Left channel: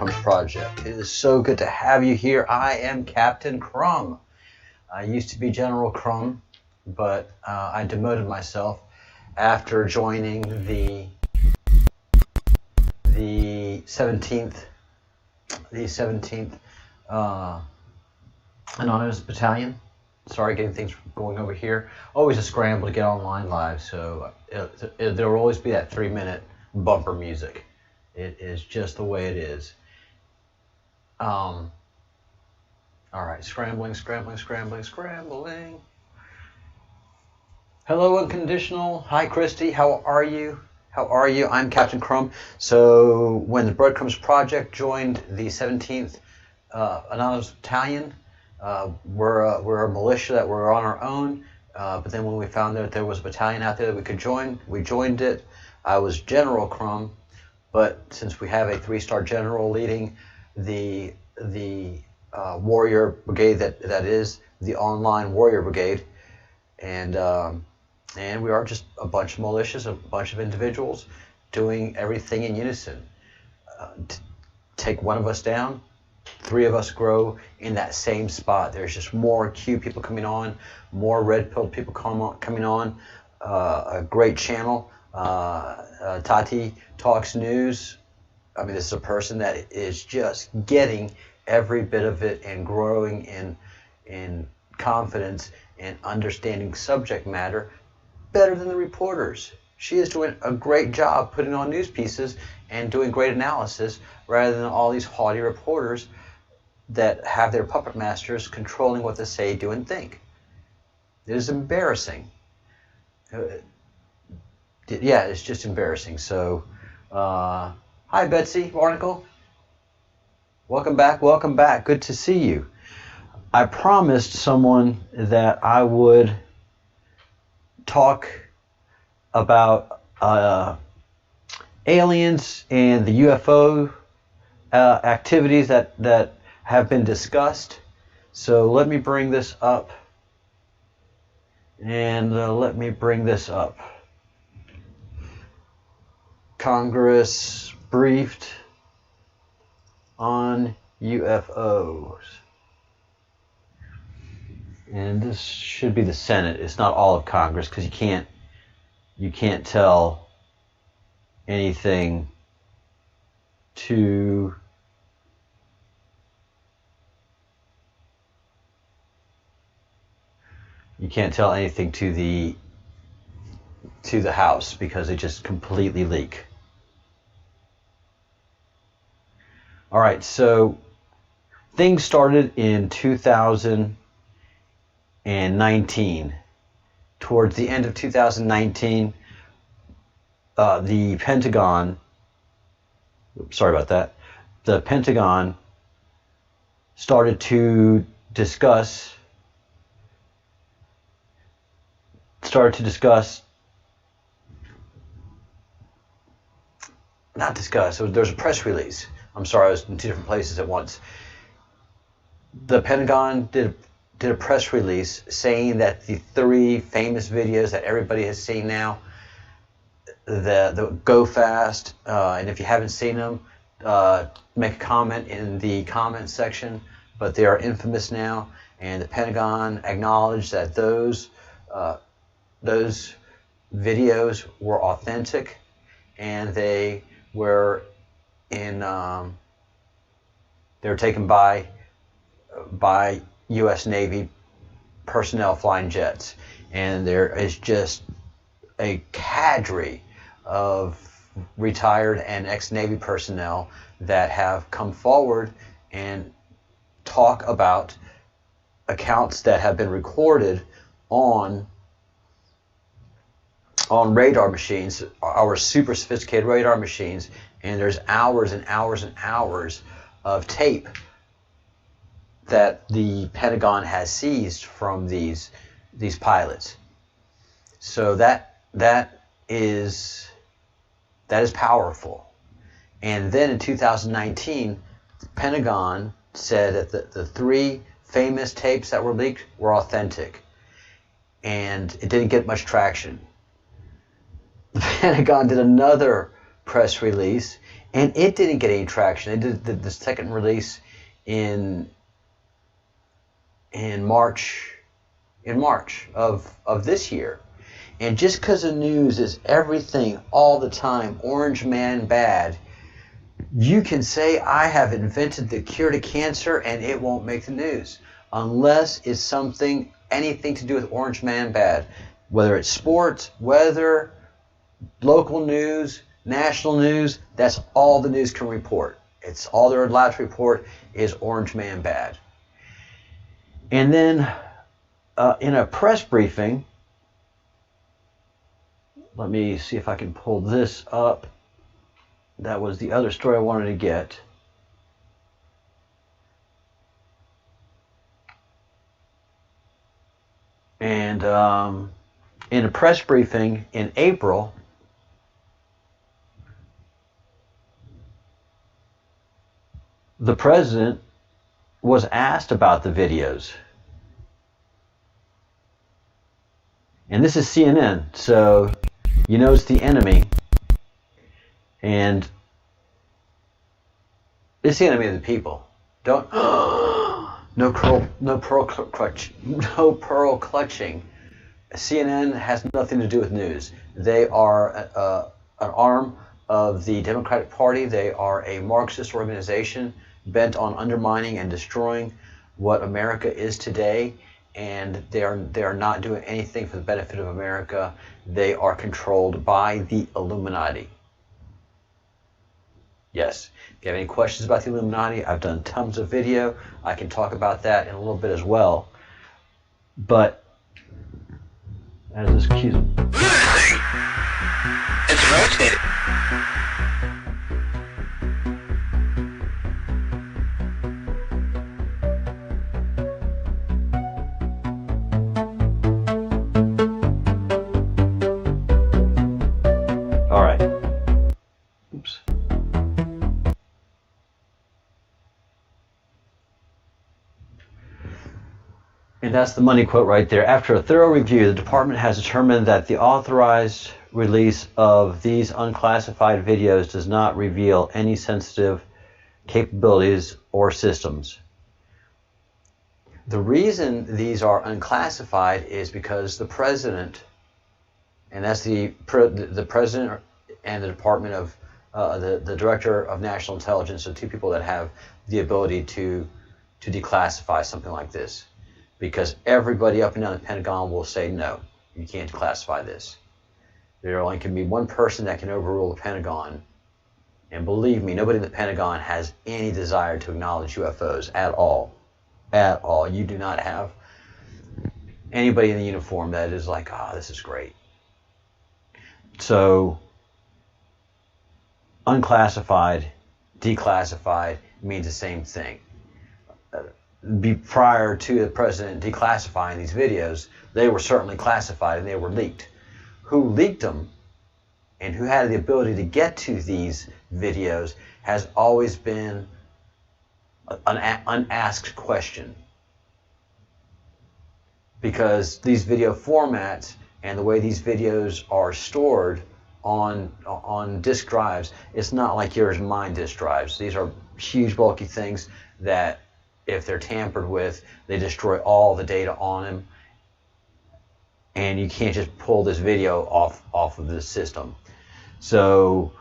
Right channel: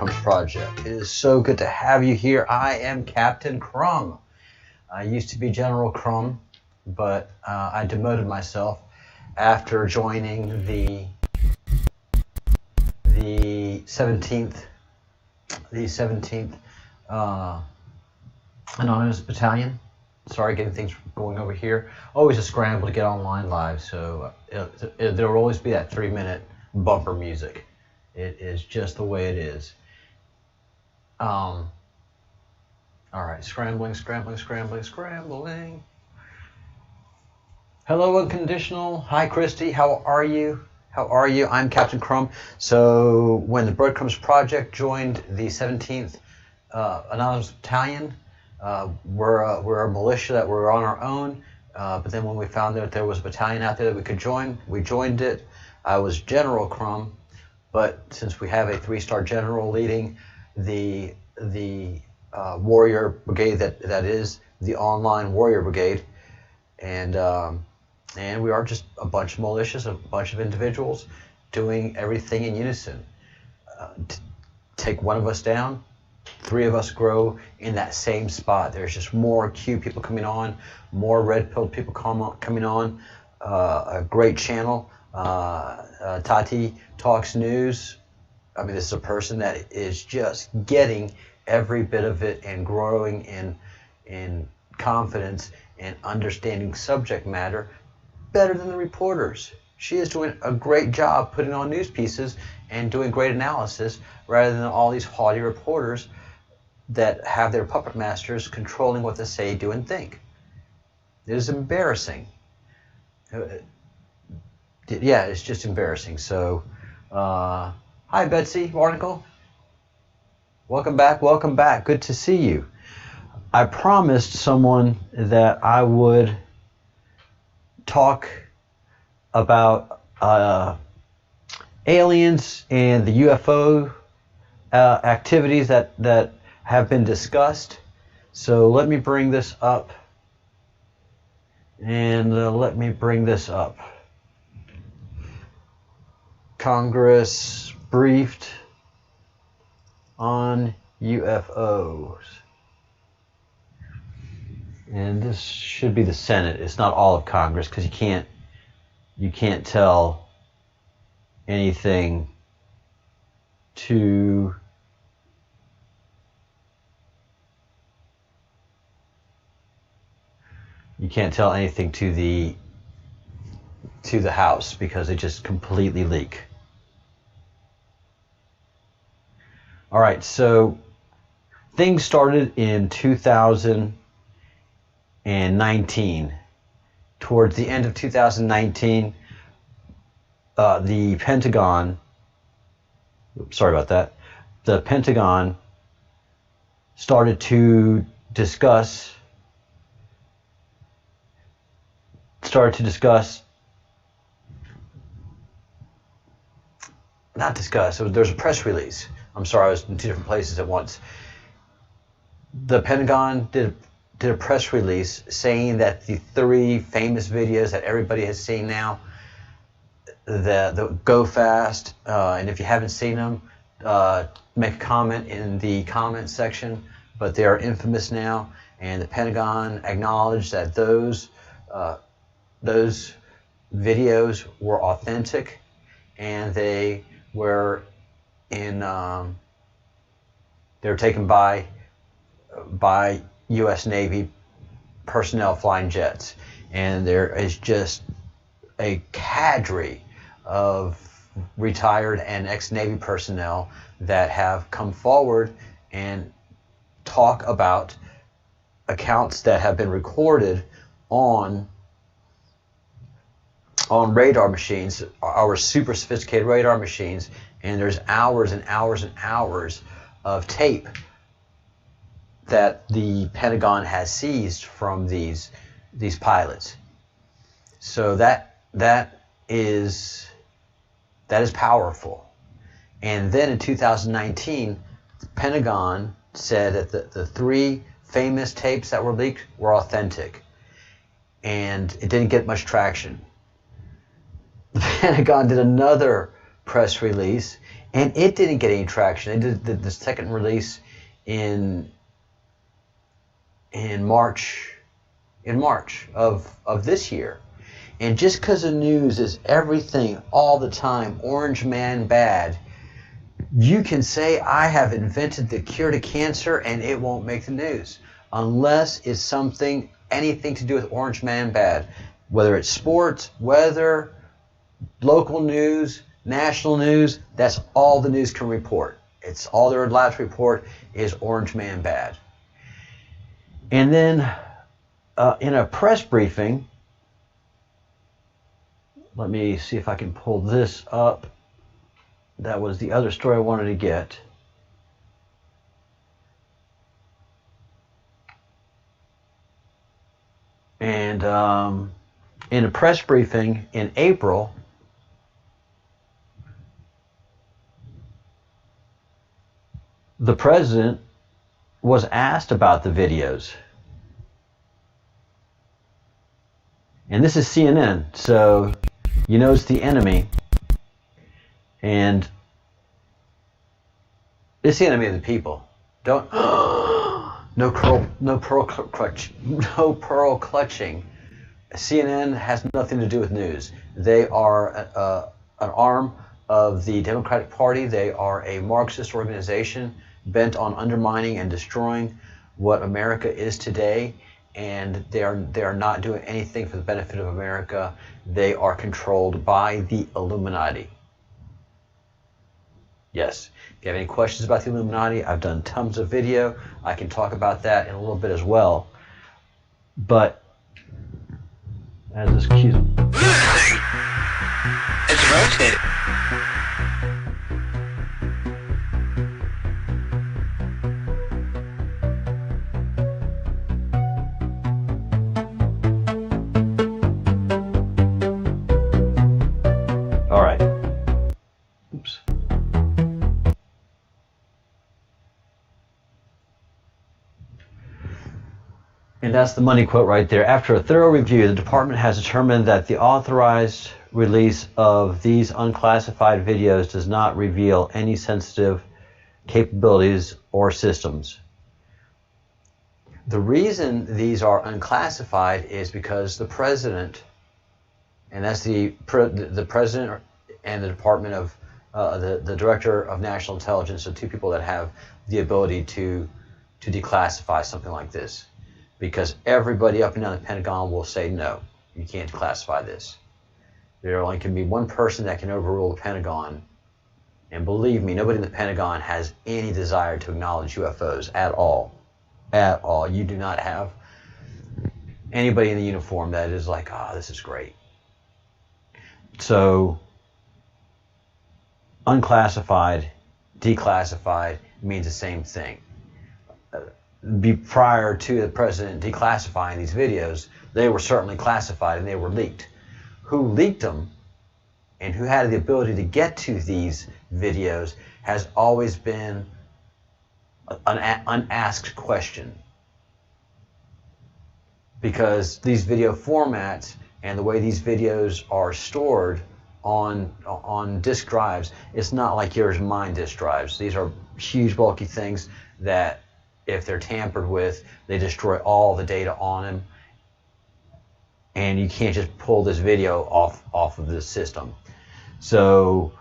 Breadcrumbs project. It is so good to have you here. I am Captain Crumb. I used to be General Crumb, but I demoted myself after joining the 17th Anonymous Battalion. Sorry, getting things going over here. Always a scramble to get online live, so there will always be that 3-minute bumper music. It is just the way it is. All right, scrambling. Hello, Unconditional. Hi, Christy. How are you? I'm Captain Crumb. So when the Breadcrumbs project joined the 17th Anonymous Battalion, we're a militia that we're on our own. But then when we found that there was a battalion out there that we could join, we joined it. I was General Crumb, but since we have a 3-star general leading the warrior brigade that is the online warrior brigade, and we are just a bunch of militias, a bunch of individuals doing everything in unison. Take one of us down, 3 of us grow in that same spot. There's just more Q people coming on, more red pill people coming on. A great channel, Tati Talks News. I mean, this is a person that is just getting every bit of it and growing in confidence and understanding subject matter better than the reporters. She is doing a great job putting on news pieces and doing great analysis rather than all these haughty reporters that have their puppet masters controlling what they say, do, and think. It is embarrassing. Yeah, it's just embarrassing. So, hi, Betsy Barnacle. Welcome back. Good to see you. I promised someone that I would talk about aliens and the UFO activities that have been discussed. So let me bring this up. Congress briefed on UFOs. And this should be the Senate. It's not all of Congress, because you can't tell anything to the House because they just completely leak. All right, so things started in 2019. Towards the end of 2019, the Pentagon started to discuss there's a press release. I'm sorry, I was in 2 different places at once. The Pentagon did a press release saying that the 3 famous videos that everybody has seen now, the Go Fast, and if you haven't seen them, make a comment in the comment section, but they are infamous now, and the Pentagon acknowledged that those videos were authentic, and they were they were taken by U.S. Navy personnel flying jets, and there is just a cadre of retired and ex-Navy personnel that have come forward and talk about accounts that have been recorded on radar machines, our super sophisticated radar machines, and there's hours and hours and hours of tape that the Pentagon has seized from these pilots. So that is powerful. And then in 2019, the Pentagon said that the 3 famous tapes that were leaked were authentic, and it didn't get much traction. The Pentagon did another press release And it didn't get any traction. They did the second release in March of this year. And just because the news is everything all the time, orange man bad, you can say I have invented the cure to cancer and it won't make the news unless it's anything to do with orange man bad, whether it's sports, weather, local news, national news. That's all the news can report. It's all they're allowed to report is orange man bad. And then in a press briefing, let me see if I can pull this up. That was the other story I wanted to get. And in a press briefing in April, the president was asked about the videos. And this is CNN, so you know it's the enemy. And it's the enemy of the people. Don't no pearl clutching. CNN has nothing to do with news. They are an arm of the Democratic Party. They are a Marxist organization bent on undermining and destroying what America is today. And they are not doing anything for the benefit of America. They are controlled by the Illuminati. Yes. If you have any questions about the Illuminati, I've done tons of video. I can talk about that in a little bit as well. But as this cue, it's rotated. all right. Oops. And that's the money quote right there. After a thorough review, the department has determined that the authorized release of these unclassified videos does not reveal any sensitive capabilities or systems. The reason these are unclassified is because the president, and that's the president and the Department of the Director of National Intelligence, are two people that have the ability to declassify something like this. Because everybody up and down the Pentagon will say, no, you can't classify this. There only can be one person that can overrule the Pentagon. And believe me, nobody in the Pentagon has any desire to acknowledge UFOs at all. At all. You do not have anybody in the uniform that is like, this is great. So, unclassified, declassified means the same thing. Prior to the president declassifying these videos, they were certainly classified and they were leaked. Who leaked them and who had the ability to get to these videos has always been an unasked question. Because these video formats and the way these videos are stored on disk drives, it's not like yours and mine disk drives. These are huge bulky things that if they're tampered with, they destroy all the data on them, and you can't just pull this video off of the system. So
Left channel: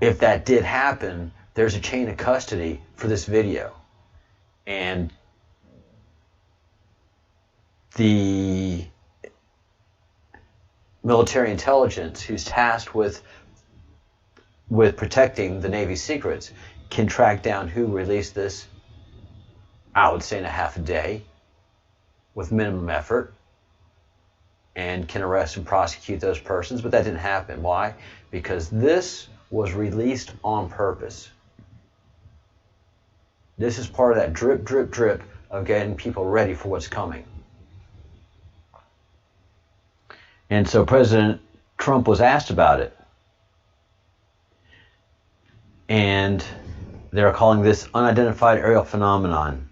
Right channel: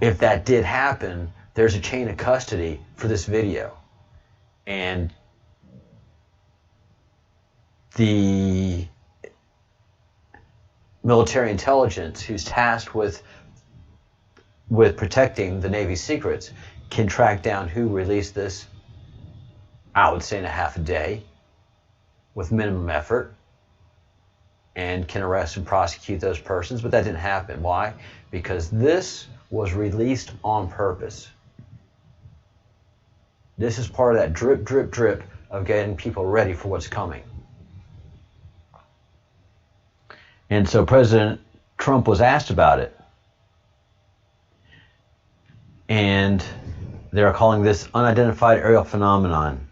if that did happen, there's a chain of custody for this video, and the military intelligence who's tasked with protecting the Navy's secrets can track down who released this, I would say in a half a day, with minimum effort, and can arrest and prosecute those persons. But that didn't happen. Why? Because this was released on purpose. This is part of that drip, drip, drip of getting people ready for what's coming. And so President Trump was asked about it. And they're calling this unidentified aerial phenomenon.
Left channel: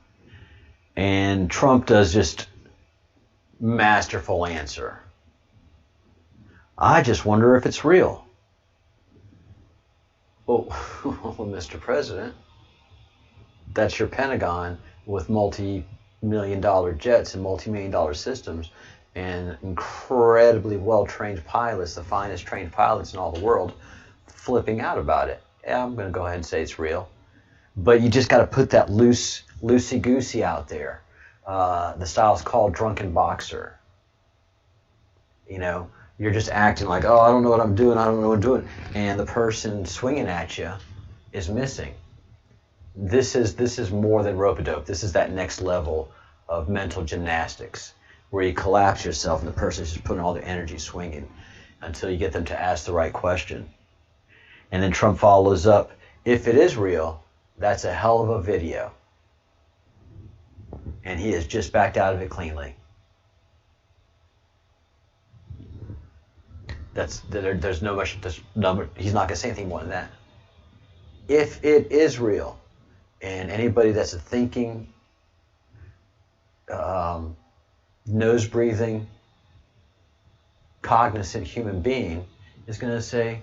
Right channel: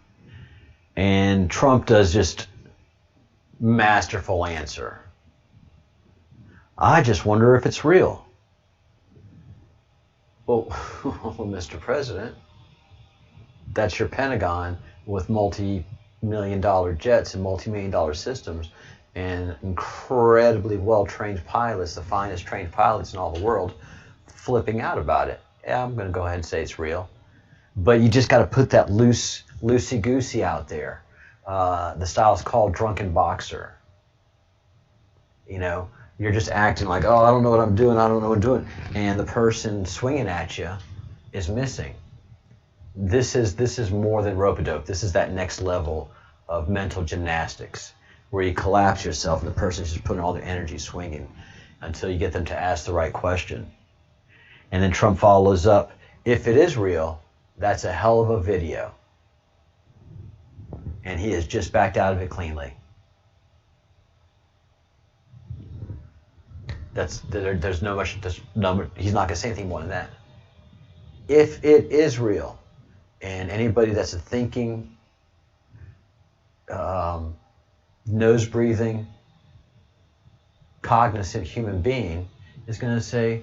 And Trump does just masterful answer. I just wonder if it's real. Well, Mr. President, that's your Pentagon with multi-million-dollar jets and multi-million-dollar systems and incredibly well-trained pilots, the finest trained pilots in all the world, flipping out about it. Yeah, I'm going to go ahead and say it's real. But you just got to put that loosey-goosey out there. The style's called drunken boxer. You know, you're just acting like, oh, I don't know what I'm doing, I don't know what I'm doing. And the person swinging at you is missing. This is more than rope-a-dope. This is that next level of mental gymnastics where you collapse yourself and the person's just putting all their energy swinging until you get them to ask the right question. And then Trump follows up, if it is real, that's a hell of a video. And he has just backed out of it cleanly. There's no much, he's not going to say anything more than that. If it is real, and anybody that's a thinking, nose-breathing, cognizant human being is going to say,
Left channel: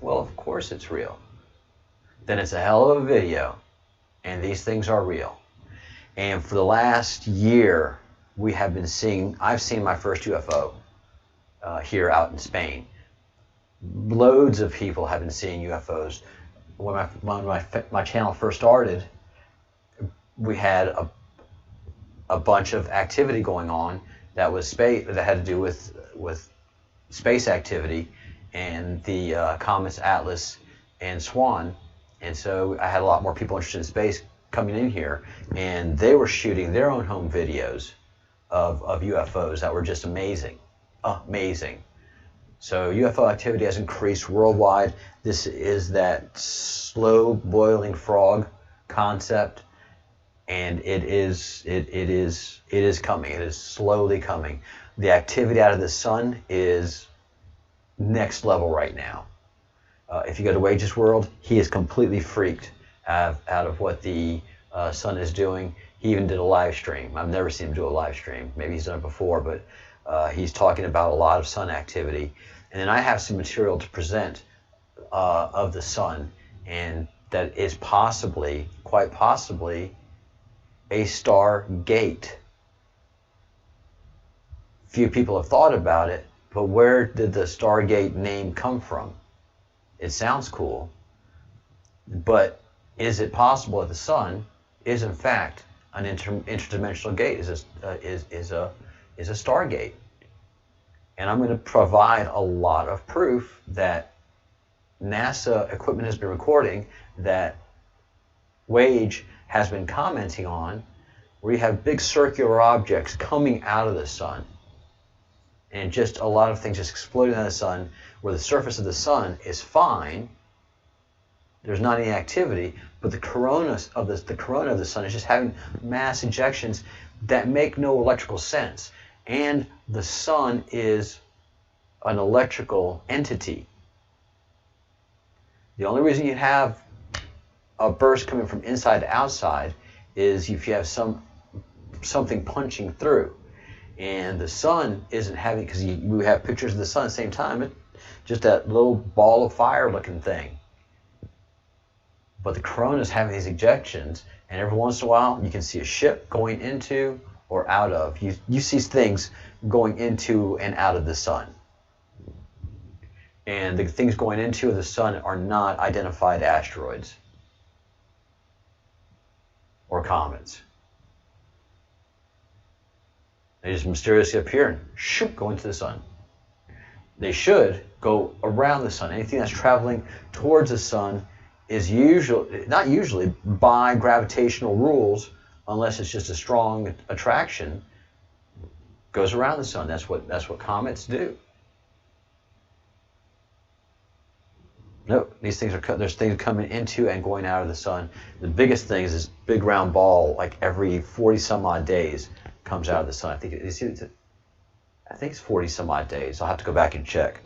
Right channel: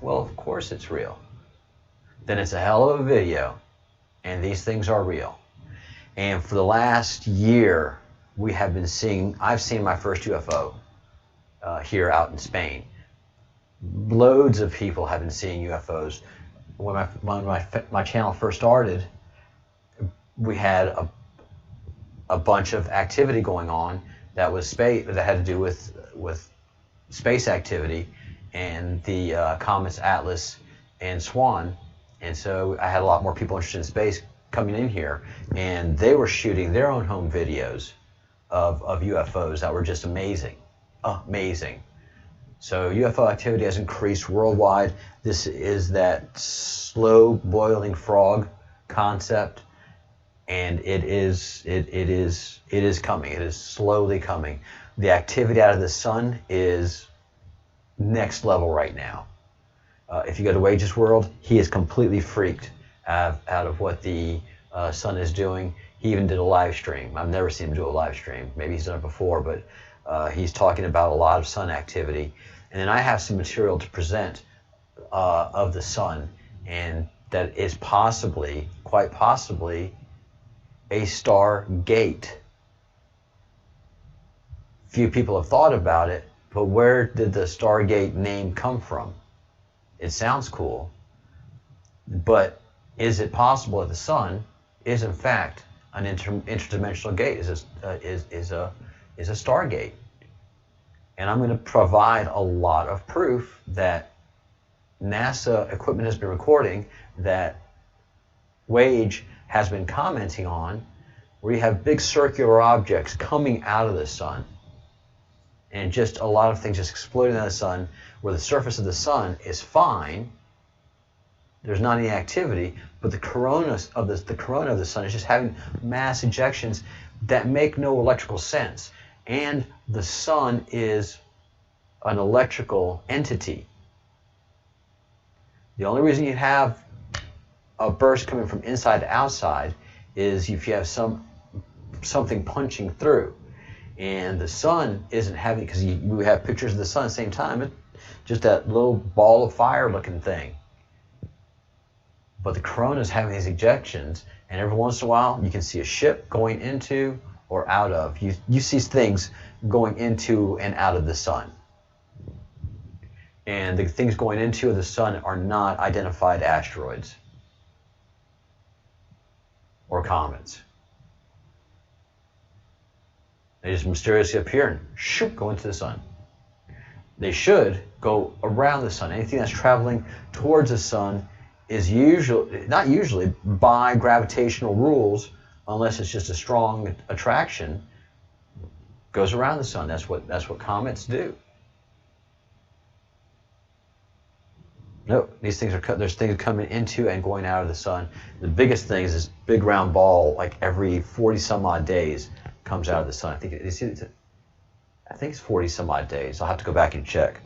well, of course it's real. Then it's a hell of a video, and these things are real. And for the last year, we have been seeing, I've seen my first UFO here out in Spain. Loads of people have been seeing UFOs. When my channel first started, we had a bunch of activity going on that was space, that had to do with space activity and the comets Atlas and Swan. And so I had a lot more people interested in space coming in here, and they were shooting their own home videos of UFOs that were just amazing. Amazing. So UFO activity has increased worldwide. This is that slow boiling frog concept, and it is coming. It is slowly coming. The activity out of the sun is next level right now. If you go to Wages World, he is completely freaked out of what the sun is doing. He even did a live stream. I've never seen him do a live stream. Maybe he's done it before, but he's talking about a lot of sun activity. And then I have some material to present of the sun, and that is possibly, quite possibly, a star gate. Few people have thought about it, but where did the Stargate name come from? It sounds cool, but is it possible that the sun is in fact an interdimensional gate? Is a Stargate? And I'm going to provide a lot of proof that NASA equipment has been recording, that Wage has been commenting on, where you have big circular objects coming out of the sun. And just a lot of things just exploding out of the sun, where the surface of the sun is fine. There's not any activity, but the corona of the sun is just having mass ejections that make no electrical sense. And the sun is an electrical entity. The only reason you have a burst coming from inside to outside is if you have something punching through. And the sun isn't having, because we have pictures of the sun at the same time, it's just that little ball of fire looking thing. But the corona is having these ejections, and every once in a while you can see a ship going into or out of. You see things going into and out of the sun. And the things going into the sun are not identified asteroids or comets. They just mysteriously appear and shoot, go into the sun. They should go around the sun. Anything that's traveling towards the sun is not usually by gravitational rules, unless it's just a strong attraction, goes around the sun. That's what comets do. No, there's things coming into and going out of the sun. The biggest thing is this big round ball, like every 40 some odd days, comes out of the sun. I think it's 40 some odd days. I'll have to go back and check.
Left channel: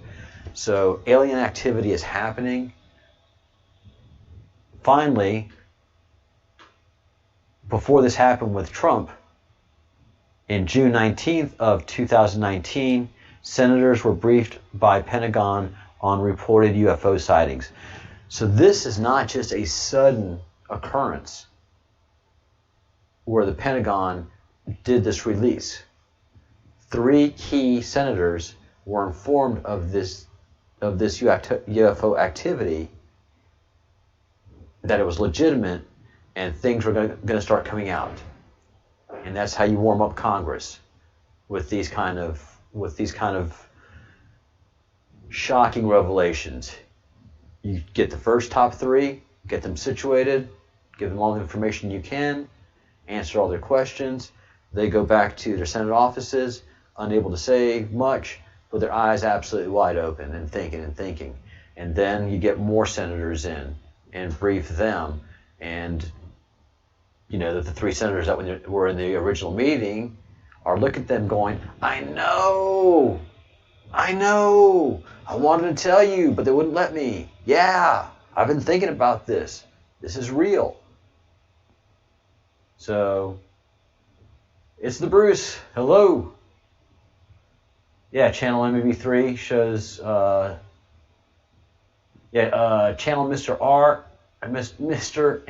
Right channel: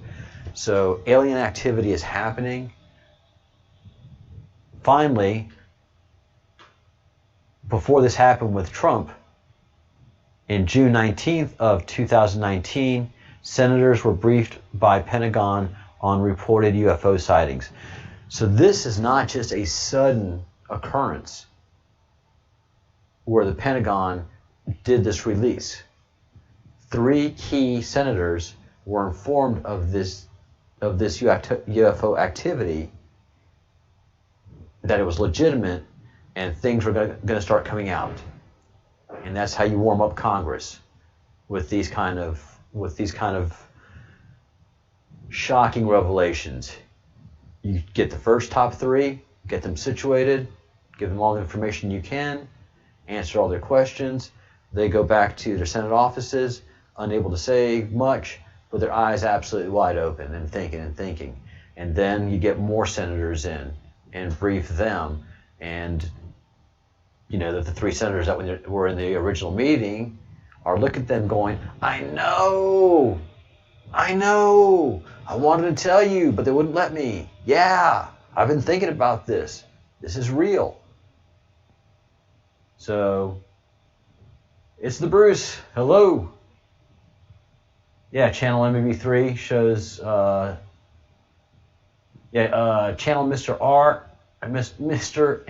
So alien activity is happening. Finally, before this happened with Trump, in June 19th of 2019, senators were briefed by Pentagon on reported UFO sightings. So this is not just a sudden occurrence where the Pentagon did this release. 3 key senators were informed of this UFO activity, that it was legitimate, and things were going to start coming out. And that's how you warm up Congress, with these kind of shocking revelations. You get the first top 3, get them situated, give them all the information you can, answer all their questions. They go back to their Senate offices, unable to say much, with their eyes absolutely wide open and thinking. And then you get more senators in and brief them. And you know that the 3 senators that were in the original meeting are looking at them going, I know, I wanted to tell you, but they wouldn't let me. Yeah, I've been thinking about this. This is real. So, it's the Bruce. Hello. Yeah, channel MBB3 shows, channel Mr. R, Mr.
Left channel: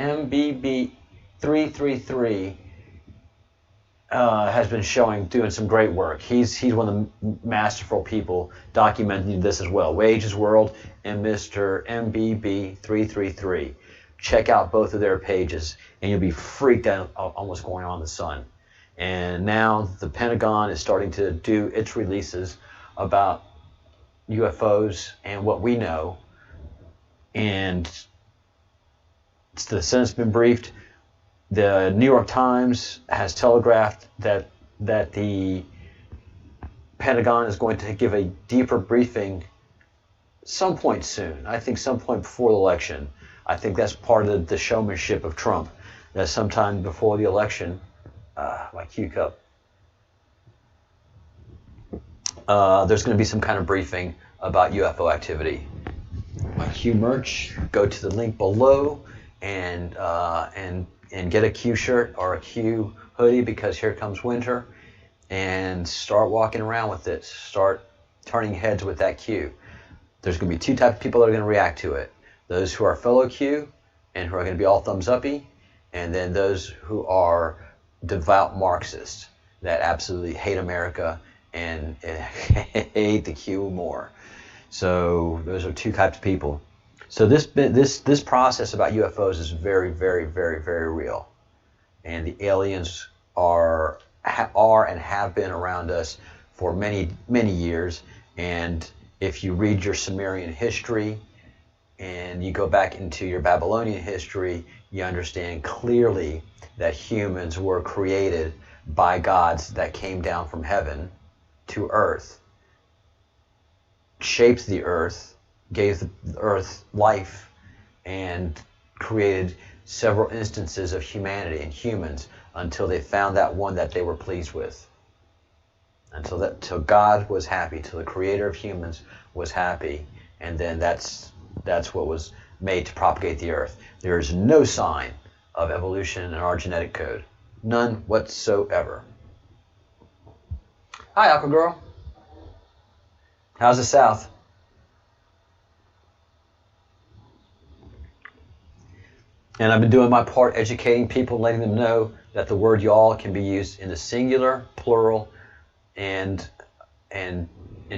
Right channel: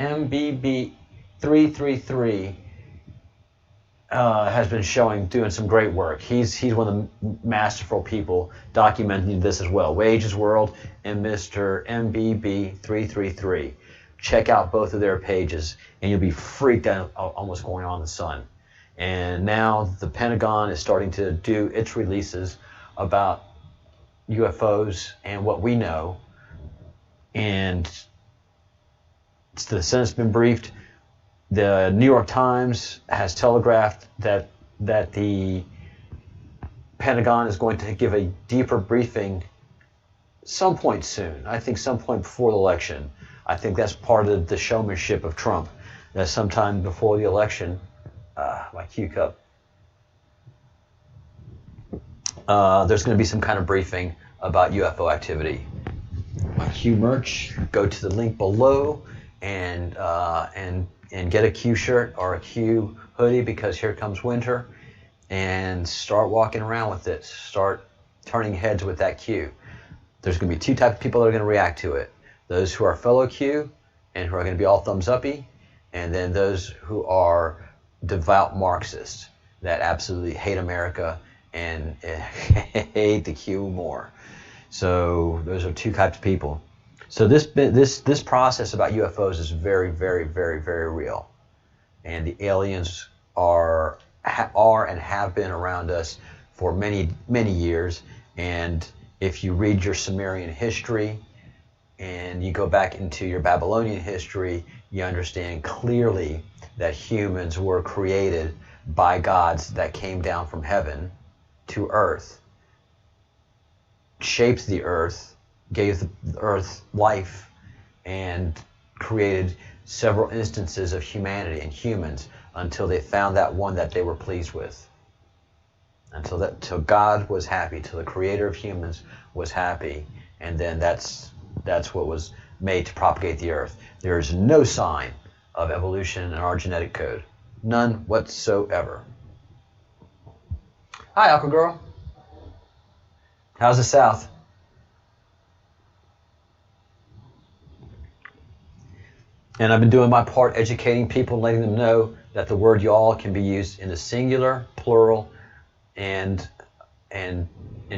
MBB333 has been doing some great work. He's one of the masterful people documenting this as well. Wages World and Mr. MBB333. Check out both of their pages, and you'll be freaked out on what's going on in the sun. And now the Pentagon is starting to do its releases about UFOs and what we know. And the Senate's been briefed. The New York Times has telegraphed that the Pentagon is going to give a deeper briefing some point soon. I think some point before the election. I think that's part of the showmanship of Trump. That sometime before the election, my cue cup, there's going to be some kind of briefing about UFO activity. My Q merch, go to the link below and get a Q shirt or a Q hoodie, because here comes winter, and start walking around with it. Start turning heads with that Q. There's going to be 2 types of people that are going to react to it. Those who are fellow Q and who are going to be all thumbs uppy, and then those who are devout Marxists that absolutely hate America and hate the Q more. So those are 2 types of people. So this process about UFOs is very, very, very, very real, and the aliens are and have been around us for many, many years. And if you read your Sumerian history and you go back into your Babylonian history, you understand clearly that humans were created by gods that came down from heaven to earth, shaped the earth, gave the earth life, and created several instances of humanity and humans until they found that one that they were pleased with. Till God was happy, till the creator of humans was happy, and then that's what was made to propagate the earth. There is no sign of evolution in our genetic code. None whatsoever. Hi, Aqua Girl. How's the South? And I've been doing my part educating people, letting them know that the word y'all can be used in the singular, plural, and in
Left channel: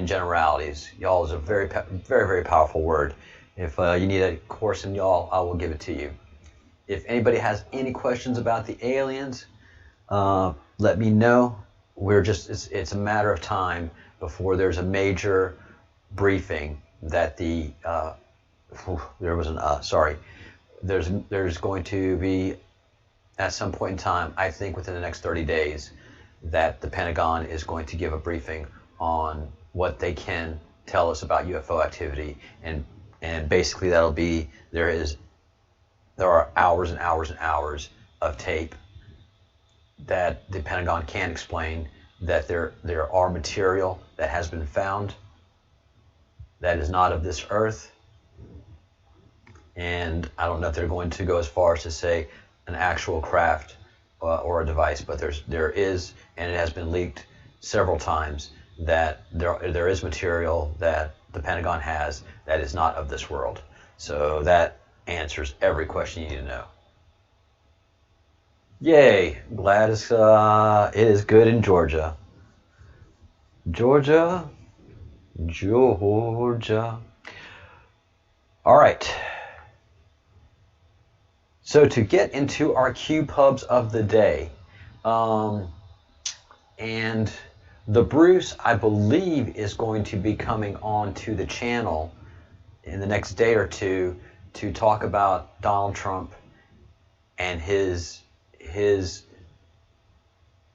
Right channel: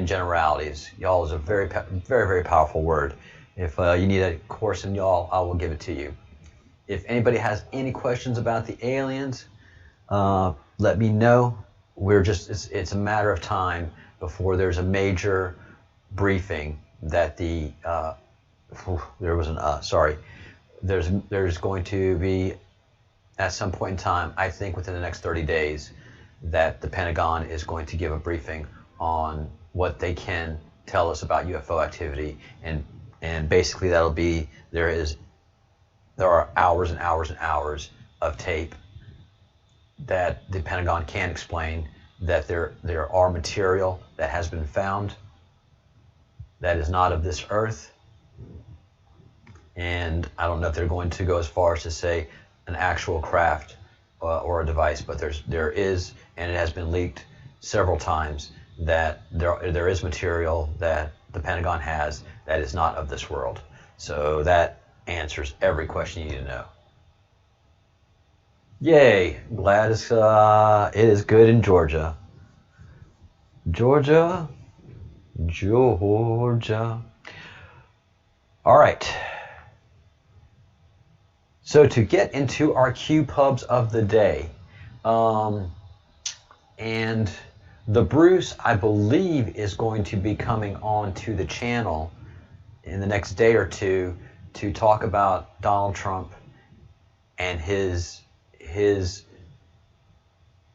generalities. Y'all is a very, very, very powerful word. If you need a course in y'all, I will give it to you. If anybody has any questions about the aliens, let me know. It's a matter of time before there's a major briefing that there's going to be, at some point in time, I think within the next 30 days, that the Pentagon is going to give a briefing on what they can tell us about UFO activity, and basically that'll be there are hours and hours and hours of tape that the Pentagon can explain that there are material that has been found that is not of this earth. And I don't know if they're going to go as far as to say an actual craft or a device, but there is, and it has been leaked several times, that there is material that the Pentagon has that is not of this world. So that answers every question you need to know. Yay, glad it is good in Georgia. Georgia. All right. So to get into our Q pubs of the day, and the Bruce, I believe, is going to be coming on to the channel in the next day or two to talk about Donald Trump and his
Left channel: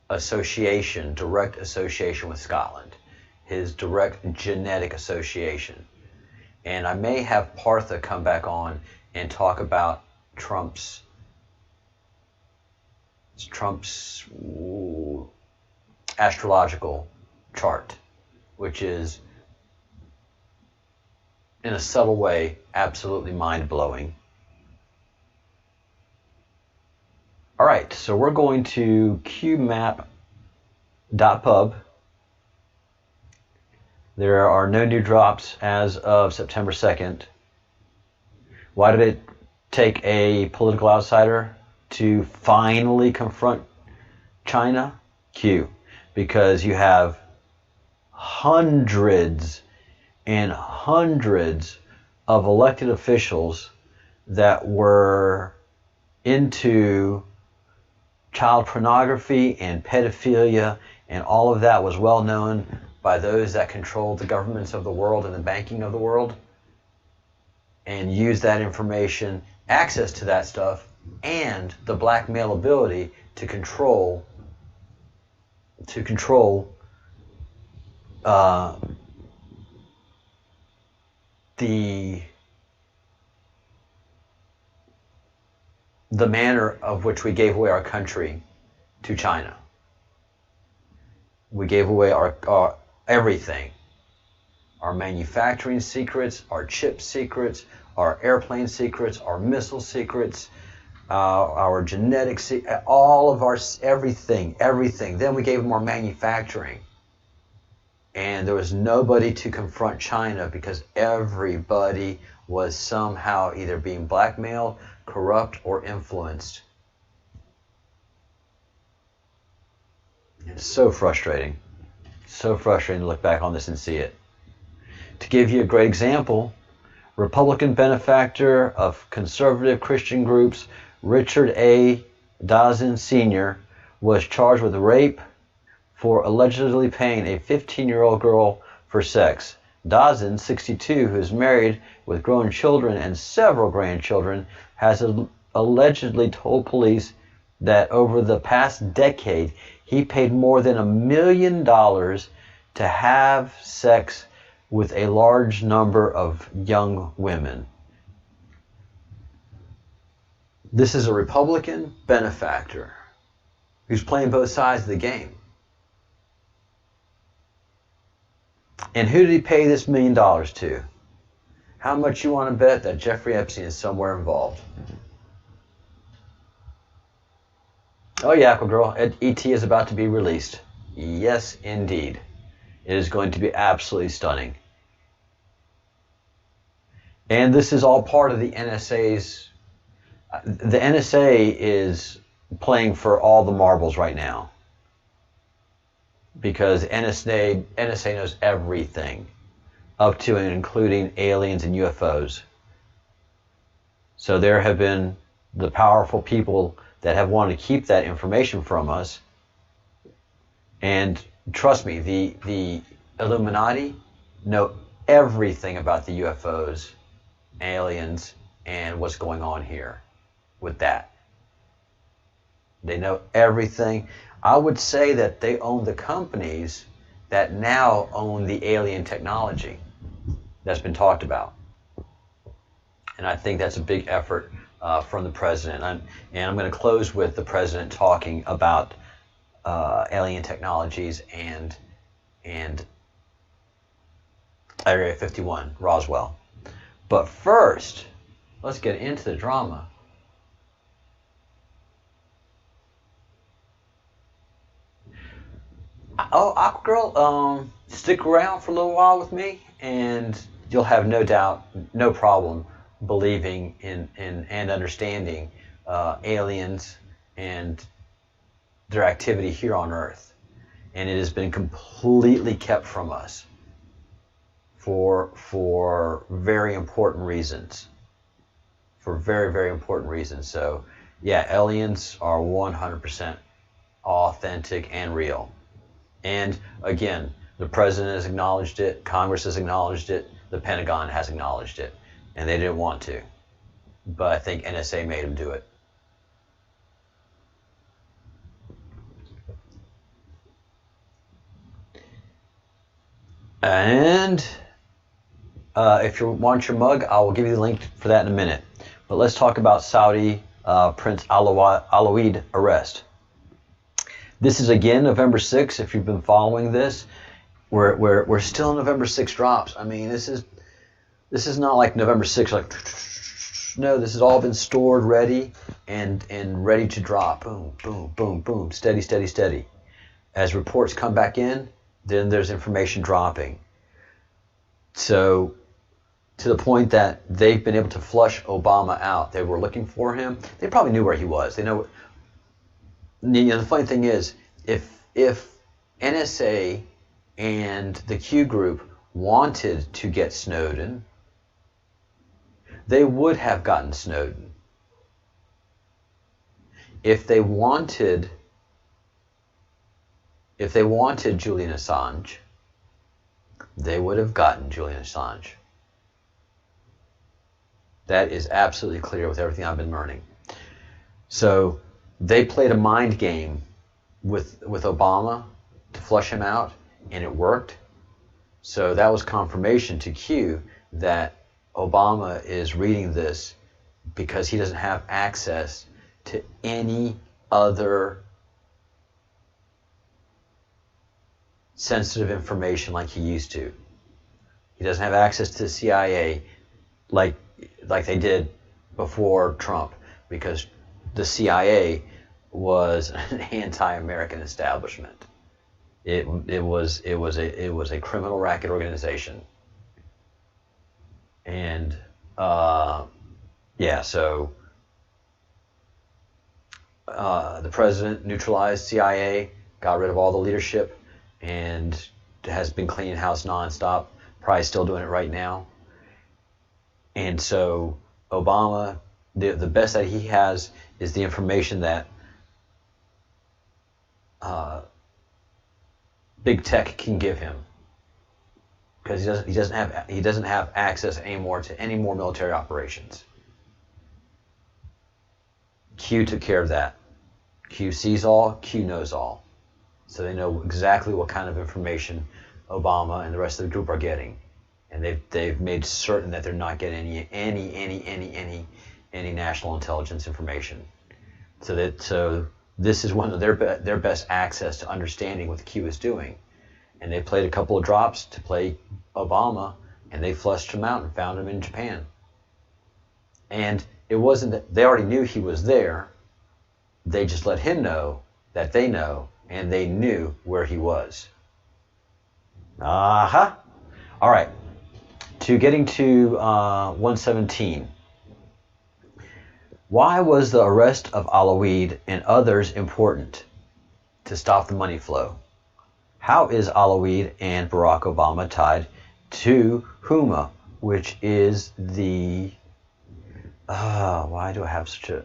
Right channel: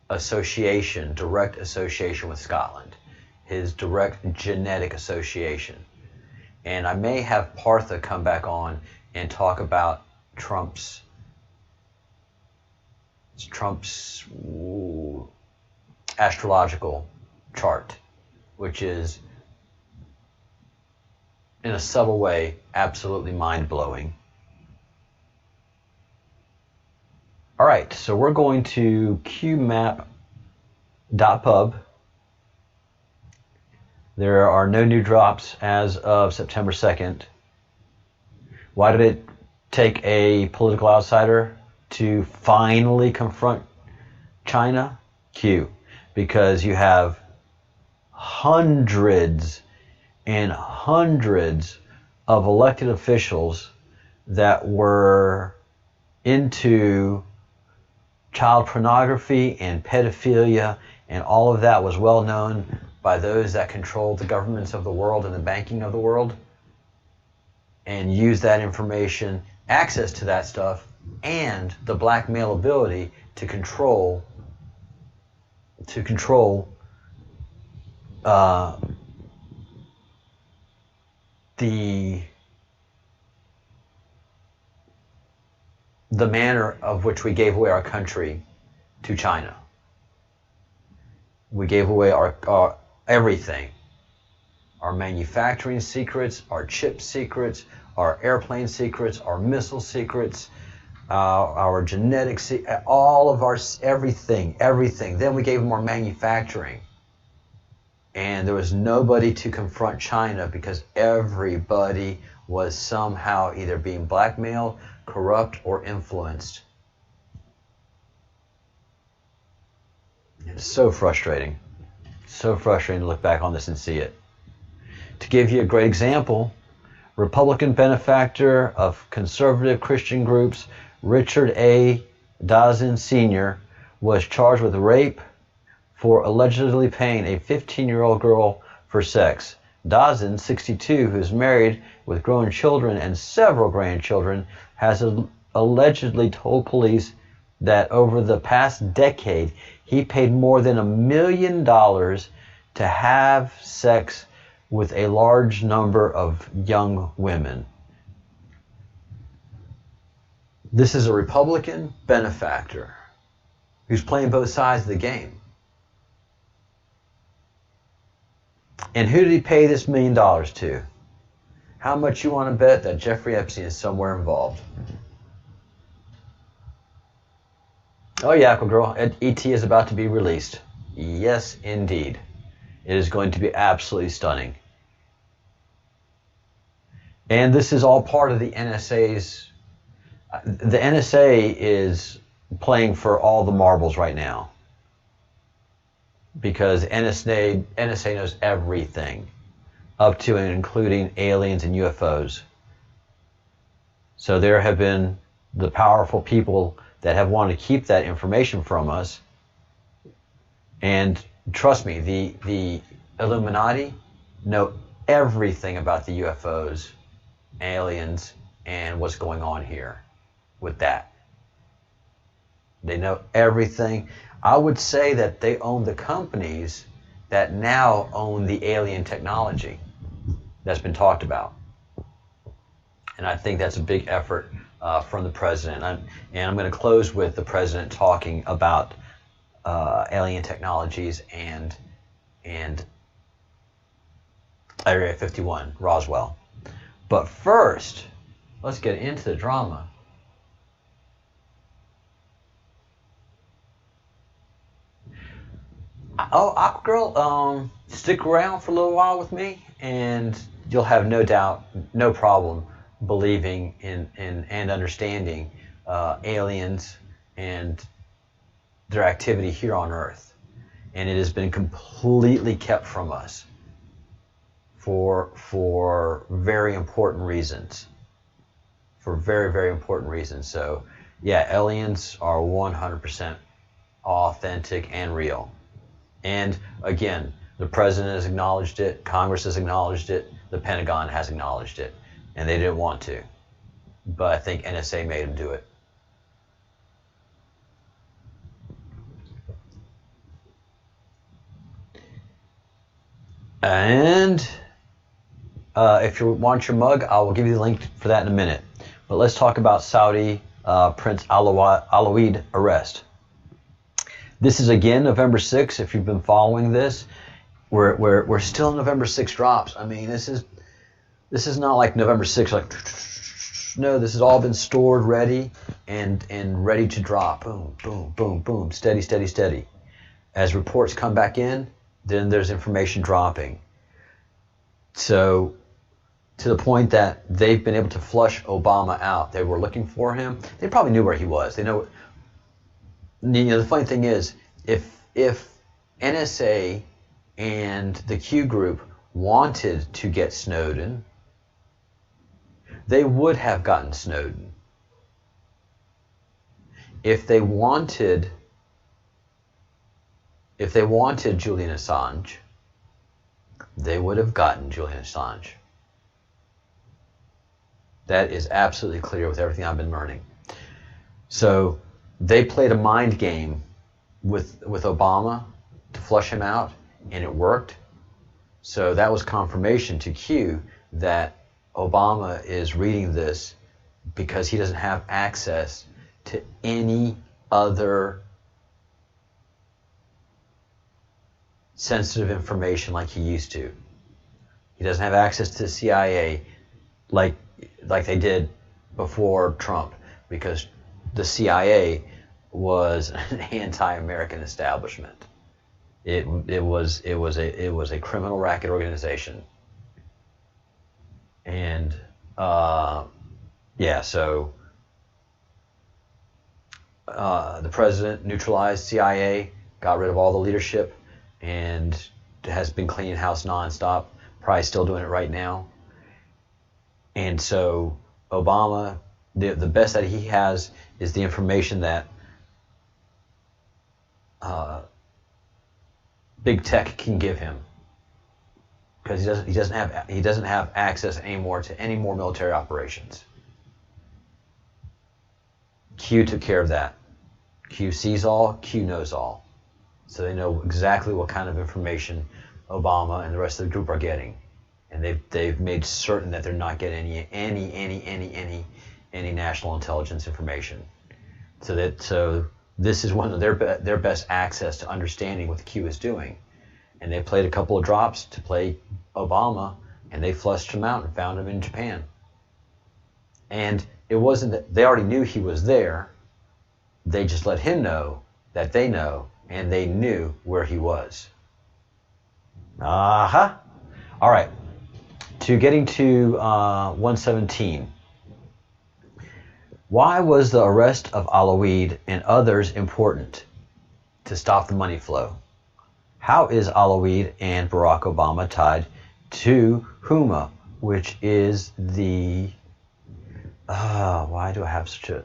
association, direct association with Scotland, his direct genetic association. And I may have Partha come back on and talk about Trump's astrological chart, which is, in a subtle way, absolutely mind-blowing. All right, so we're going to qmap.pub. There are no new drops as of September 2nd. Why did it take a political outsider to finally confront China? Q. Because you have hundreds and hundreds of elected officials that were into child pornography and pedophilia, and all of that was well known by those that controlled the governments of the world and the banking of the world, and used that information, access to that stuff, and the black male ability to control the manner of which we gave away our country to China. We gave away our everything. Our manufacturing secrets, our chip secrets, our airplane secrets, our missile secrets, our genetics, all of our everything. Then we gave them our manufacturing. And there was nobody to confront China because everybody was somehow either being blackmailed, corrupt, or influenced. It's so frustrating. So frustrating to look back on this and see it. To give you a great example, Republican benefactor of conservative Christian groups, Richard A. Dawson Sr., was charged with rape for allegedly paying a 15-year-old girl for sex. Dawson, 62, who is married with grown children and several grandchildren, has allegedly told police that over the past decade, he paid more than $1 million to have sex with a large number of young women. This is a Republican benefactor who's playing both sides of the game. And who did he pay this $1 million to? How much you want to bet that Jeffrey Epstein is somewhere involved? Oh yeah, Aquagirl, ET is about to be released. Yes, indeed. It is going to be absolutely stunning. And this is all part of the NSA's... The NSA is playing for all the marbles right now. Because NSA knows everything, up to and including aliens and UFOs. So there have been the powerful people that have wanted to keep that information from us. And trust me, the Illuminati know everything about the UFOs, aliens, and what's going on here with that. They know everything. I would say that they own the companies that now own the alien technology that's been talked about. And I think that's a big effort from the president. I'm going to close with the president talking about alien technologies and Area 51, Roswell. But first, let's get into the drama. Oh, Aquagirl, stick around for a little while with me, and you'll have no doubt, no problem believing in and understanding aliens and their activity here on Earth. And it has been completely kept from us for very important reasons. For very, very important reasons. So, yeah, aliens are 100% authentic and real. And again, the president has acknowledged it, Congress has acknowledged it, the Pentagon has acknowledged it, and they didn't want to. But I think NSA made them do it. And if you want your mug, I will give you the link for that in a minute. But let's talk about Saudi Prince Alawid arrest. This is again November 6th. If you've been following this, we're still in November 6 drops. I mean, this is not like November 6th, like no, this has all been stored, ready and ready to drop. Boom, boom, boom, boom, steady, steady, steady. As reports come back in, then there's information dropping. So to the point that they've been able to flush Obama out. They were looking for him. They probably knew where he was. They know. The funny thing is, if NSA and the Q group wanted to get Snowden, they would have gotten Snowden. If they wanted Julian Assange, they would have gotten Julian Assange. That is absolutely clear with everything I've been learning. So they played a mind game with Obama to flush him out, and it worked. So that was confirmation to Q that Obama is reading this because he doesn't have access to any other sensitive information like he used to. He doesn't have access to the CIA like they did before Trump, because the CIA was an anti-American establishment. It was a criminal racket organization. And so the president neutralized CIA, got rid of all the leadership, and has been cleaning house nonstop. Probably still doing it right now. And so Obama, the best that he has is the information that big tech can give him, because he doesn't have access anymore to any more military operations. Q took care of that. Q sees all, Q knows all. So they know exactly what kind of information Obama and the rest of the group are getting. And they've made certain that they're not getting any national intelligence information. So this is one of their best access to understanding what the Q is doing. And they played a couple of drops to play Obama, and they flushed him out and found him in Japan. And it wasn't that they already knew he was there. They just let him know that they know, and they knew where he was. All right. To getting to 117. Why was the arrest of Alawid and others important to stop the money flow? How is Alawid and Barack Obama tied to HUMA, which is the why do I have such a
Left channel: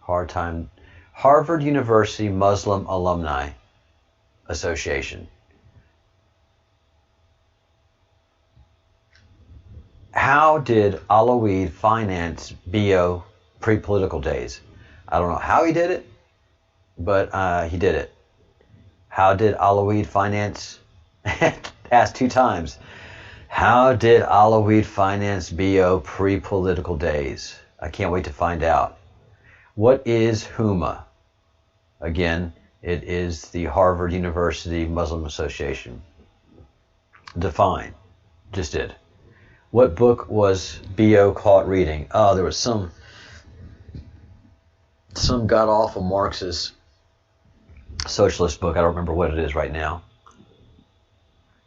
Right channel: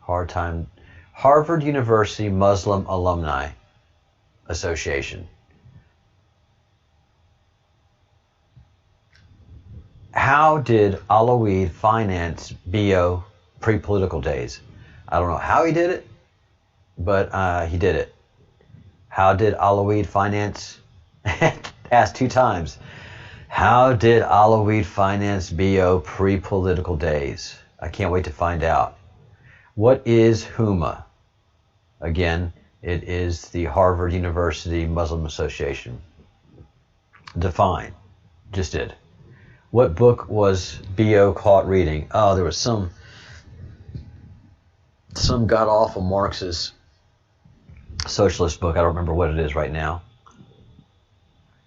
hard time? Harvard University Muslim Alumni Association. How did Alawid finance BO pre-political days? I don't know how he did it, but he did it. How did Alawid finance? Asked 2 times. How did Alawid finance BO pre-political days? I can't wait to find out. What is HUMA? Again, it is the Harvard University Muslim Association. Define. Just did. What book was BO caught reading? Oh, there was some god-awful Marxist socialist book. I don't remember what it is right now.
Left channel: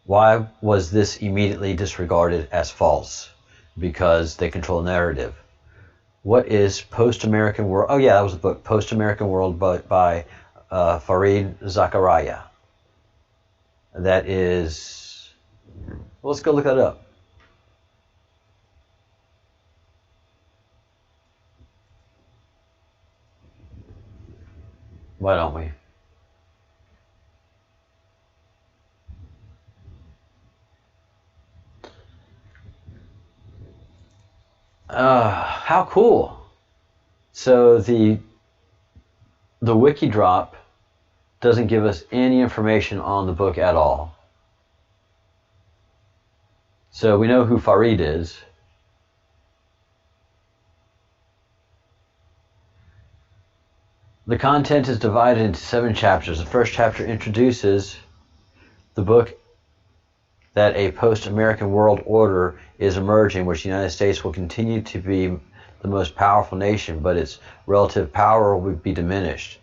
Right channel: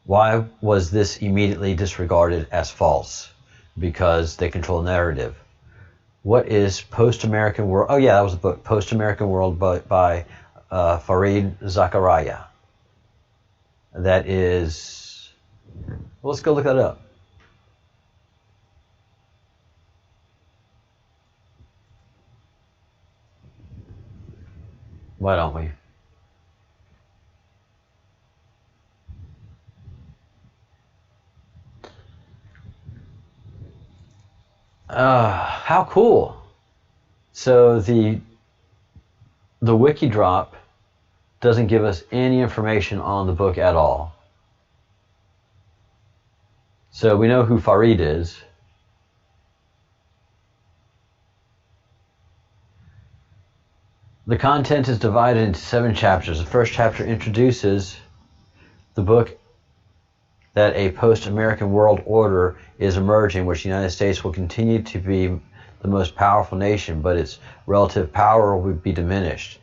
Why was this immediately disregarded as false? because they control the narrative. What is Post-American World? Oh yeah, that was the book, Post-American World by Fareed Zakaria. That is, well, let's go look that up. Why don't we? How cool. So the wiki drop doesn't give us any information on the book at all. So we know who Fareed is. The content is divided into 7 chapters. The first chapter introduces the book that a post-American world order is emerging, which the United States will continue to be the most powerful nation, but its relative power will be diminished.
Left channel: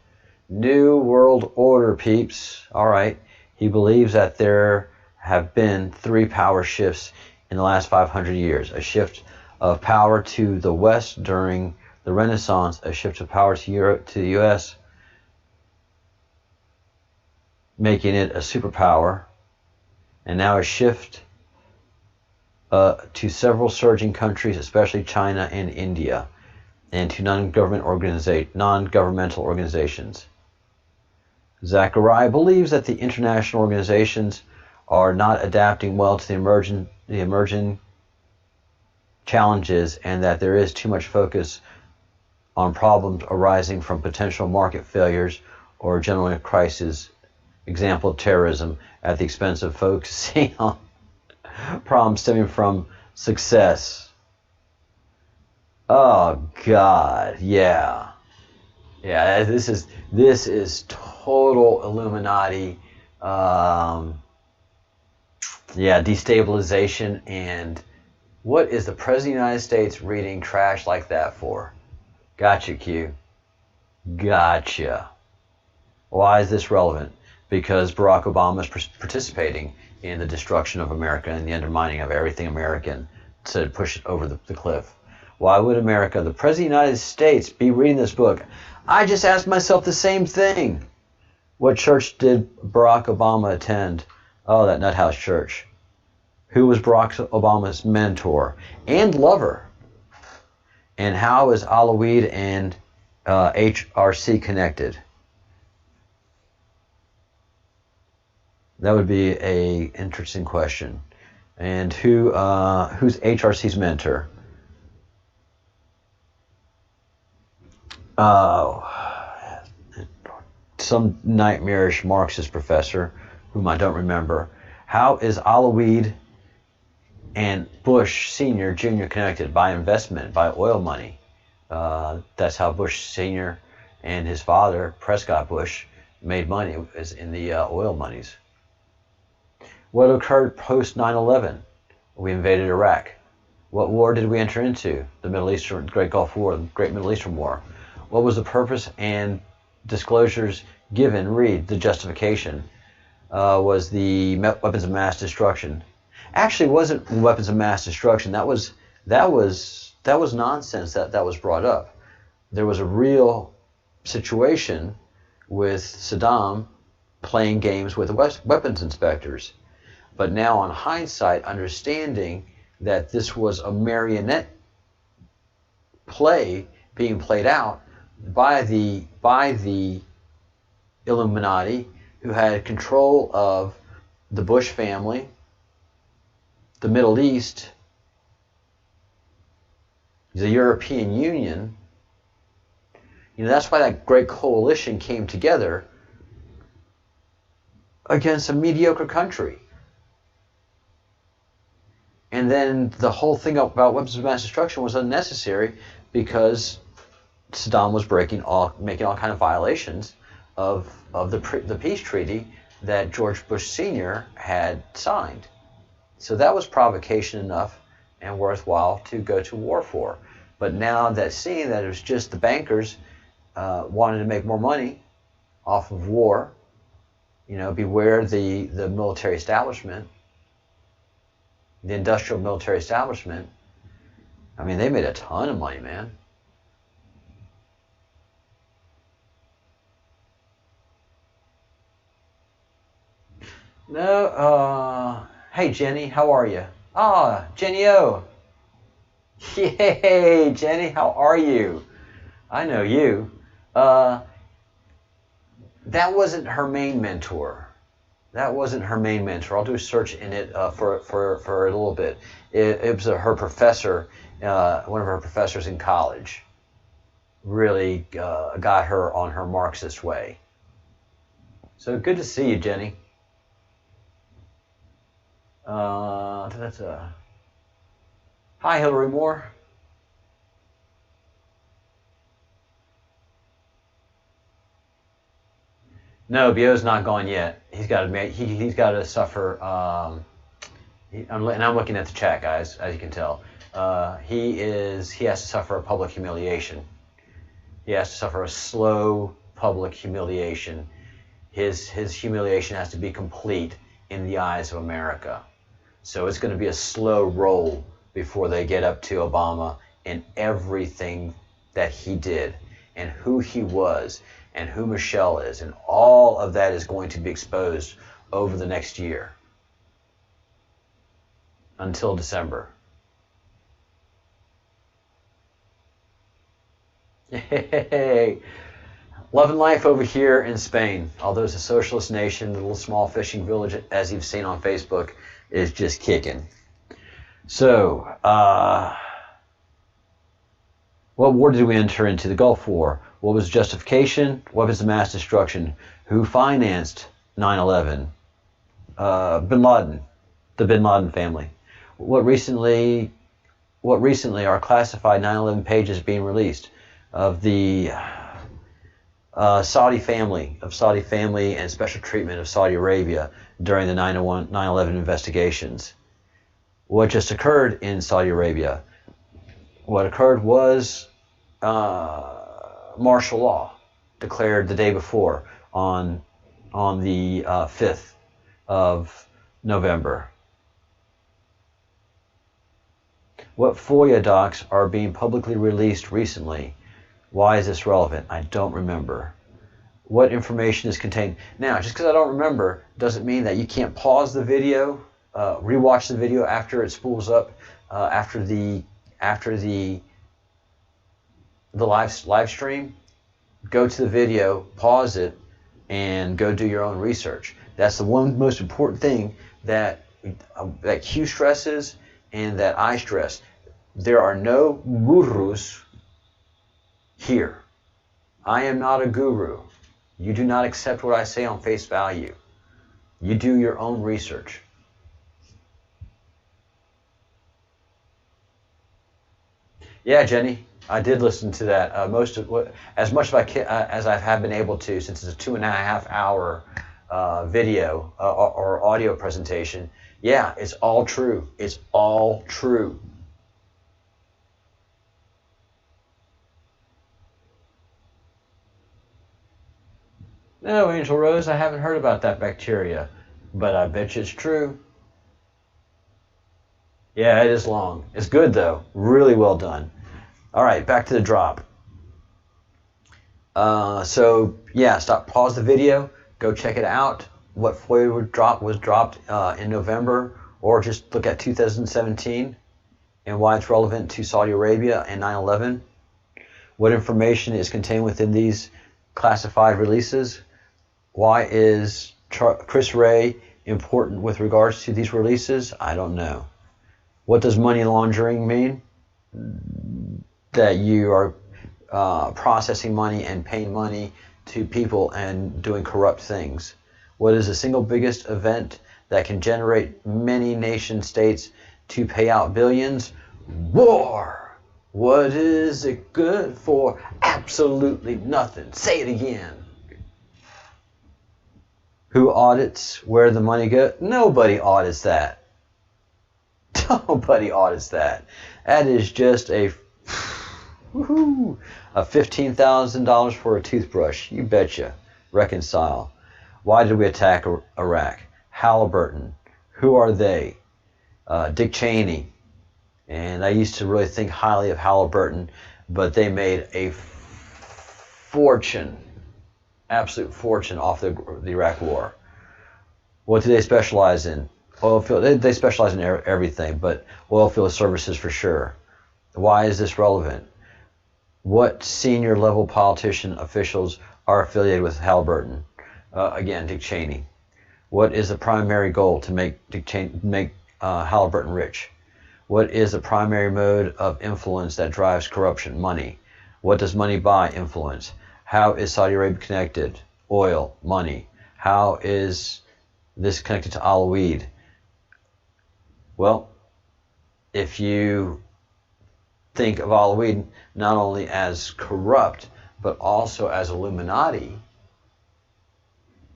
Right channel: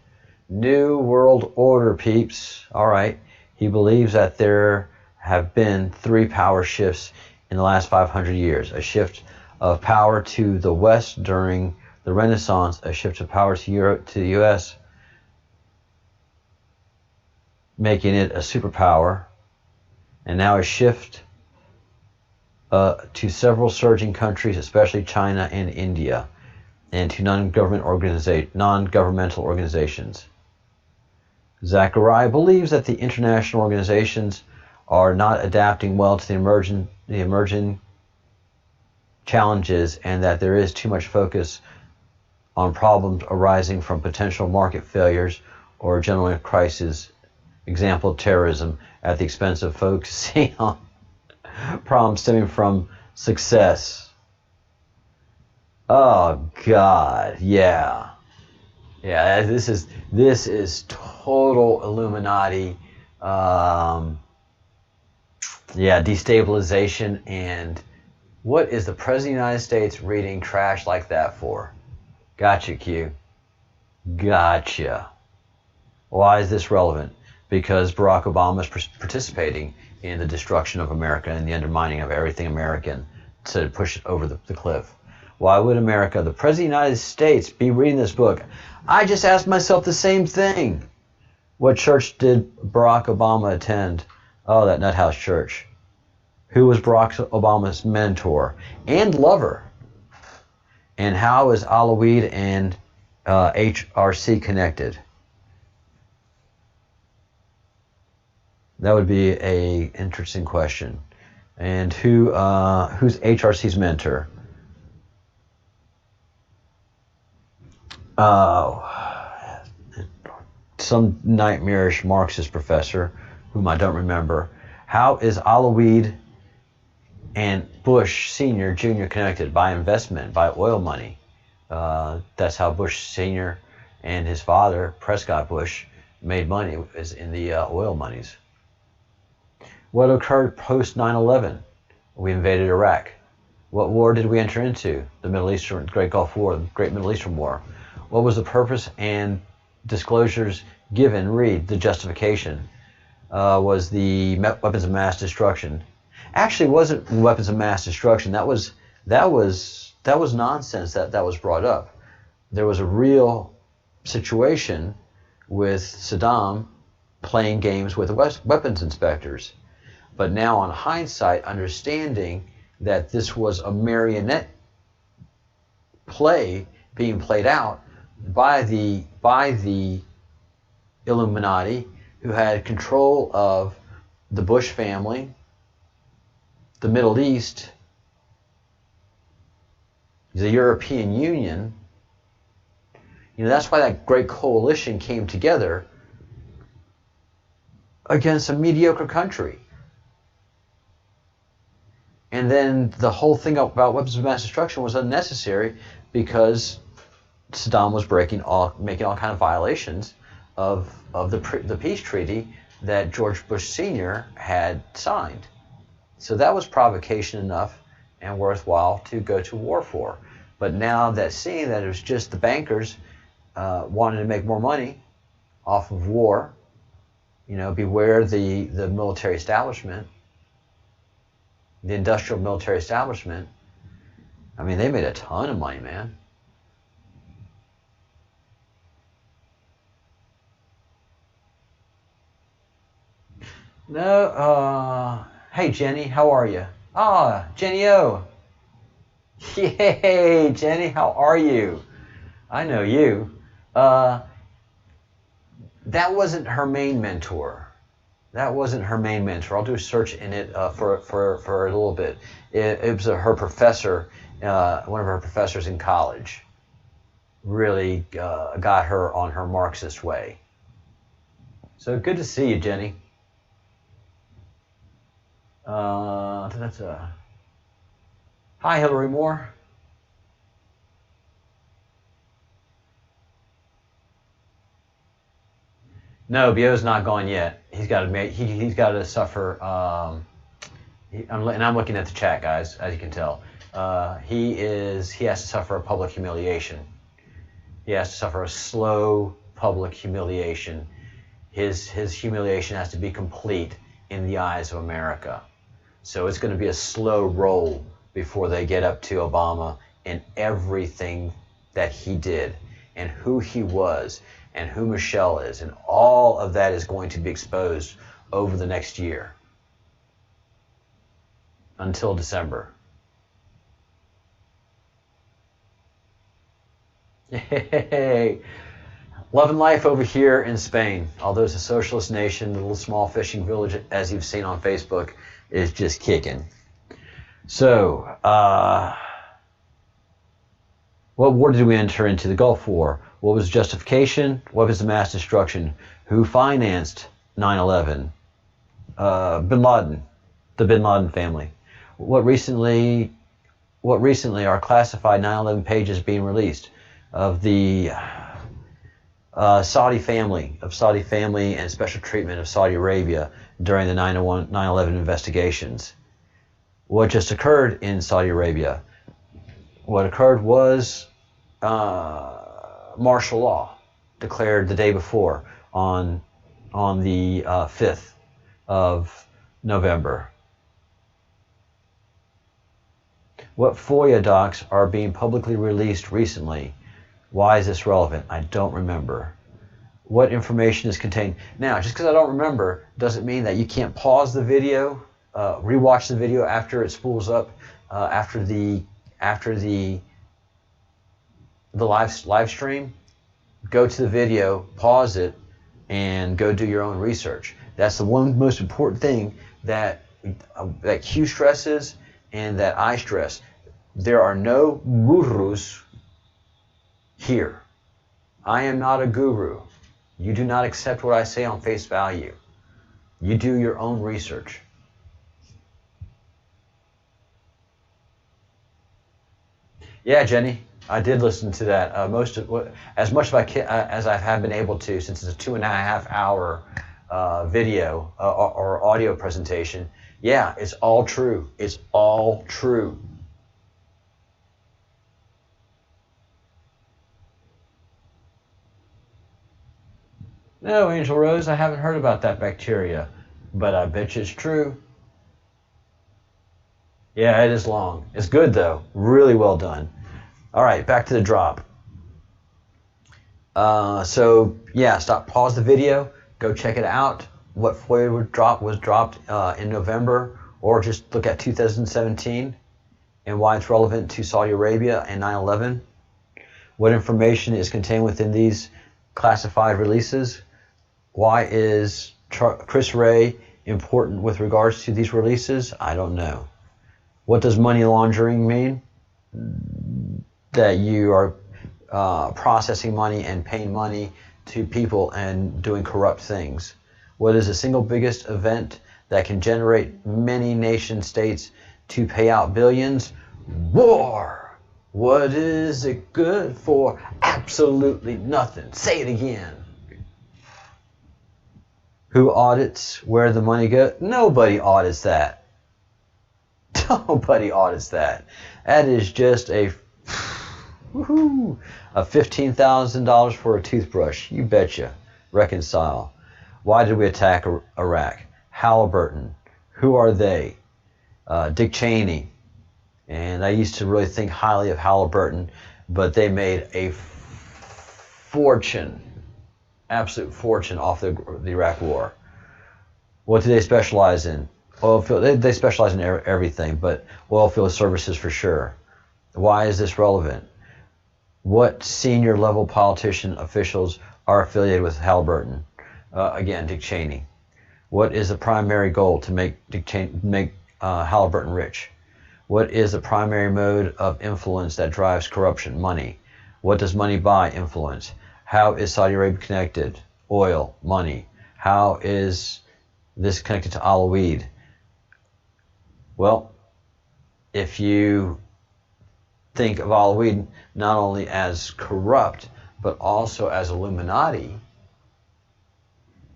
New world order, peeps. All right. He believes that there have been 3 power shifts in the last 500 years. A shift of power to the West during the Renaissance, a shift of power to Europe, to the U.S., making it a superpower, and now a shift to several surging countries, especially China and India, and to non-governmental organizations. Zachariah believes that the international organizations are not adapting well to the emerging challenges, and that there is too much focus on problems arising from potential market failures or general crises, example terrorism, at the expense of focusing on problems stemming from success. Oh God, yeah. Yeah, this is total Illuminati, destabilization. And what is the President of the United States reading trash like that for? Gotcha, Q. Gotcha. Why is this relevant? Because Barack Obama is participating in the destruction of America and the undermining of everything American to push it over the cliff. Why would America, the President of the United States, be reading this book? I just asked myself the same thing. What church did Barack Obama attend? Oh, that Nuthouse Church. Who was Barack Obama's mentor and lover? And how is Alaweed and HRC connected? That would be a interesting question. And who's HRC's mentor? Some nightmarish Marxist professor, whom I don't remember. How is Alaweed and Bush Sr., Jr. connected? By investment, by oil money. That's how Bush Sr. and his father, Prescott Bush, made money, is in the oil monies. What occurred post 9/11? We invaded Iraq. What war did we enter into? The Middle Eastern Great Gulf War, the Great Middle Eastern War. What was the purpose and disclosures given? Read the justification. Was the weapons of mass destruction? Actually, it wasn't weapons of mass destruction. That was nonsense that was brought up. There was a real situation with Saddam playing games with the weapons inspectors. But now, on hindsight, understanding that this was a marionette play being played out by the Illuminati, who had control of the Bush family, the Middle East, the European Union. That's why that great coalition came together against a mediocre country. And then the whole thing about weapons of mass destruction was unnecessary because Saddam was making all kind of violations of the peace treaty that George Bush Sr. had signed. So that was provocation enough and worthwhile to go to war for. But now that seeing that it was just the bankers wanting to make more money off of war, beware the military establishment, the industrial military establishment, I mean, they made a ton of money, man. No, hey Jenny, how are you? Ah, Jenny O. Yay, Jenny, how are you? I know you. That wasn't her main mentor. That wasn't her main mentor. I'll do a search in it for a little bit. It was her professor, one of her professors in college. Really got her on her Marxist way. So good to see you, Jenny. Hi, Hillary Moore. No, Bio's not gone yet. He's got to he's got to suffer. And I'm looking at the chat, guys, as you can tell. He has to suffer a public humiliation. He has to suffer a slow public humiliation. His humiliation has to be complete in the eyes of America. So it's going to be a slow roll before they get up to Obama and everything that he did and who he was and who Michelle is. And all of that is going to be exposed over the next year until December. Yay! Love and life over here in Spain. Although it's a socialist nation, the little small fishing village, as you've seen on Facebook, is just kicking. So, what war did we enter into? The Gulf War. What was justification? Weapons of mass destruction. Who financed 9/11? Bin Laden, the Bin Laden family. What recently are classified 9/11 pages being released of the Saudi family and special treatment of Saudi Arabia during the 9/11 investigations. What just occurred in Saudi Arabia? What occurred was martial law declared the day before on the 5th of November. What FOIA docs are being publicly released recently? Why is this relevant? I don't remember. What information is contained? Now, just because I don't remember doesn't mean that you can't pause the video, rewatch the video after it spools up, after the live stream. Go to the video, pause it, and go do your own research. That's the one most important thing that Q stresses and that I stress. There are no gurus here. I am not a guru. You do not accept what I say on face value. You do your own research. Yeah, Jenny, I did listen to that. As much as I have been able to, since it's a 2.5 hour video or audio presentation. Yeah, it's all true. It's all true. No, Angel Rose, I haven't heard about that bacteria, but I bet you it's true. Yeah, it is long. It's good, though. Really well done. All right, back to the drop. Pause the video. Go check it out. What FOIA was dropped in November, or just look at 2017 and why it's relevant to Saudi Arabia and 9/11. What information is contained within these classified releases? Why is Chris Wray important with regards to these releases? I don't know. What does money laundering mean? That you are processing money and paying money to people and doing corrupt things. What is the single biggest event that can generate many nation states to pay out billions? War. What is it good for? Absolutely nothing. Say it again. Who audits where the money goes? Nobody audits that. Nobody audits that. That is just a $15,000 for a toothbrush. You betcha. Reconcile. Why did we attack Iraq? Halliburton. Who are they? Dick Cheney. And I used to really think highly of Halliburton, but they made a fortune, absolute fortune off the Iraq War. What do they specialize in? Oil field. They specialize in everything, but oil field services for sure. Why is this relevant? What senior level politician officials are affiliated with Halliburton? Again, Dick Cheney. What is the primary goal? To make Halliburton rich. What is the primary mode of influence that drives corruption? Money. What does money buy? Influence. How is Saudi Arabia connected? Oil, money. How is this connected to Alawid? Well, if you think of Alawid not only as corrupt, but also as Illuminati,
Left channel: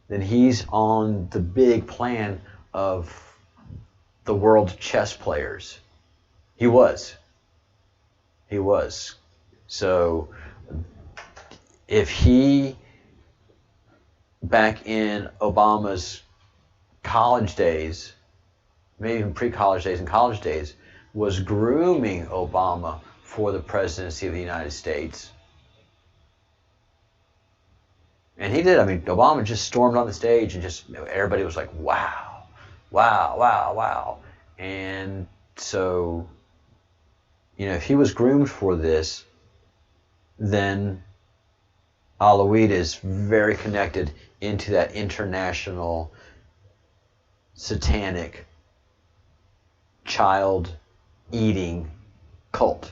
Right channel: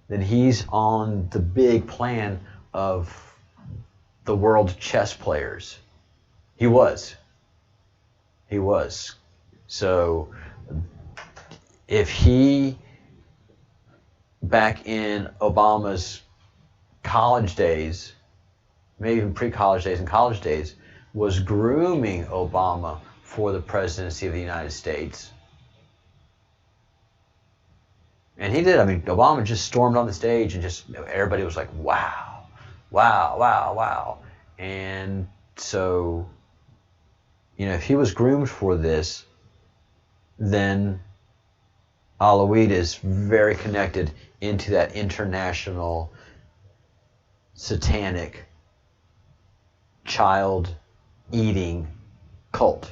then he's on the big plan of the world chess players. He was. So if he, back in Obama's college days, maybe even pre-college days and college days, was grooming Obama for the presidency of the United States. And he did. I mean, Obama just stormed on the stage and just, everybody was like, wow, wow, wow, wow. And so, if he was groomed for this, then Alawid is very connected into that international satanic child eating cult.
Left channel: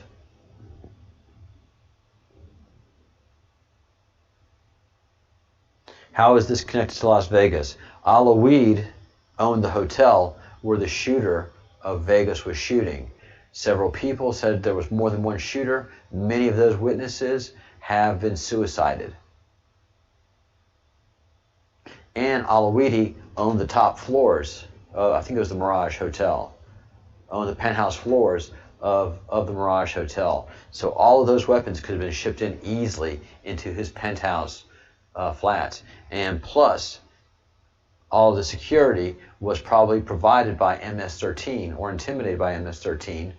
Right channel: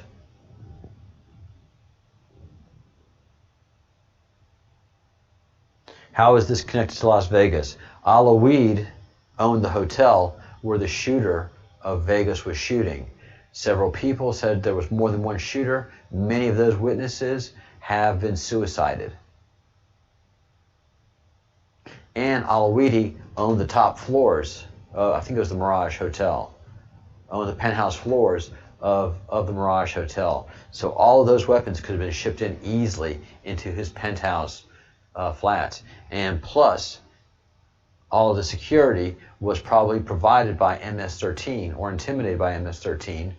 How is this connected to Las Vegas? Alawid owned the hotel where the shooter of Vegas was shooting. Several people said there was more than one shooter. Many of those witnesses have been suicided. And Alawidi owned the top floors. I think it was the Mirage Hotel. Owned the penthouse floors of the Mirage Hotel. So all of those weapons could have been shipped in easily into his penthouse flats. And plus, all of the security was probably provided by MS-13 or intimidated by MS-13.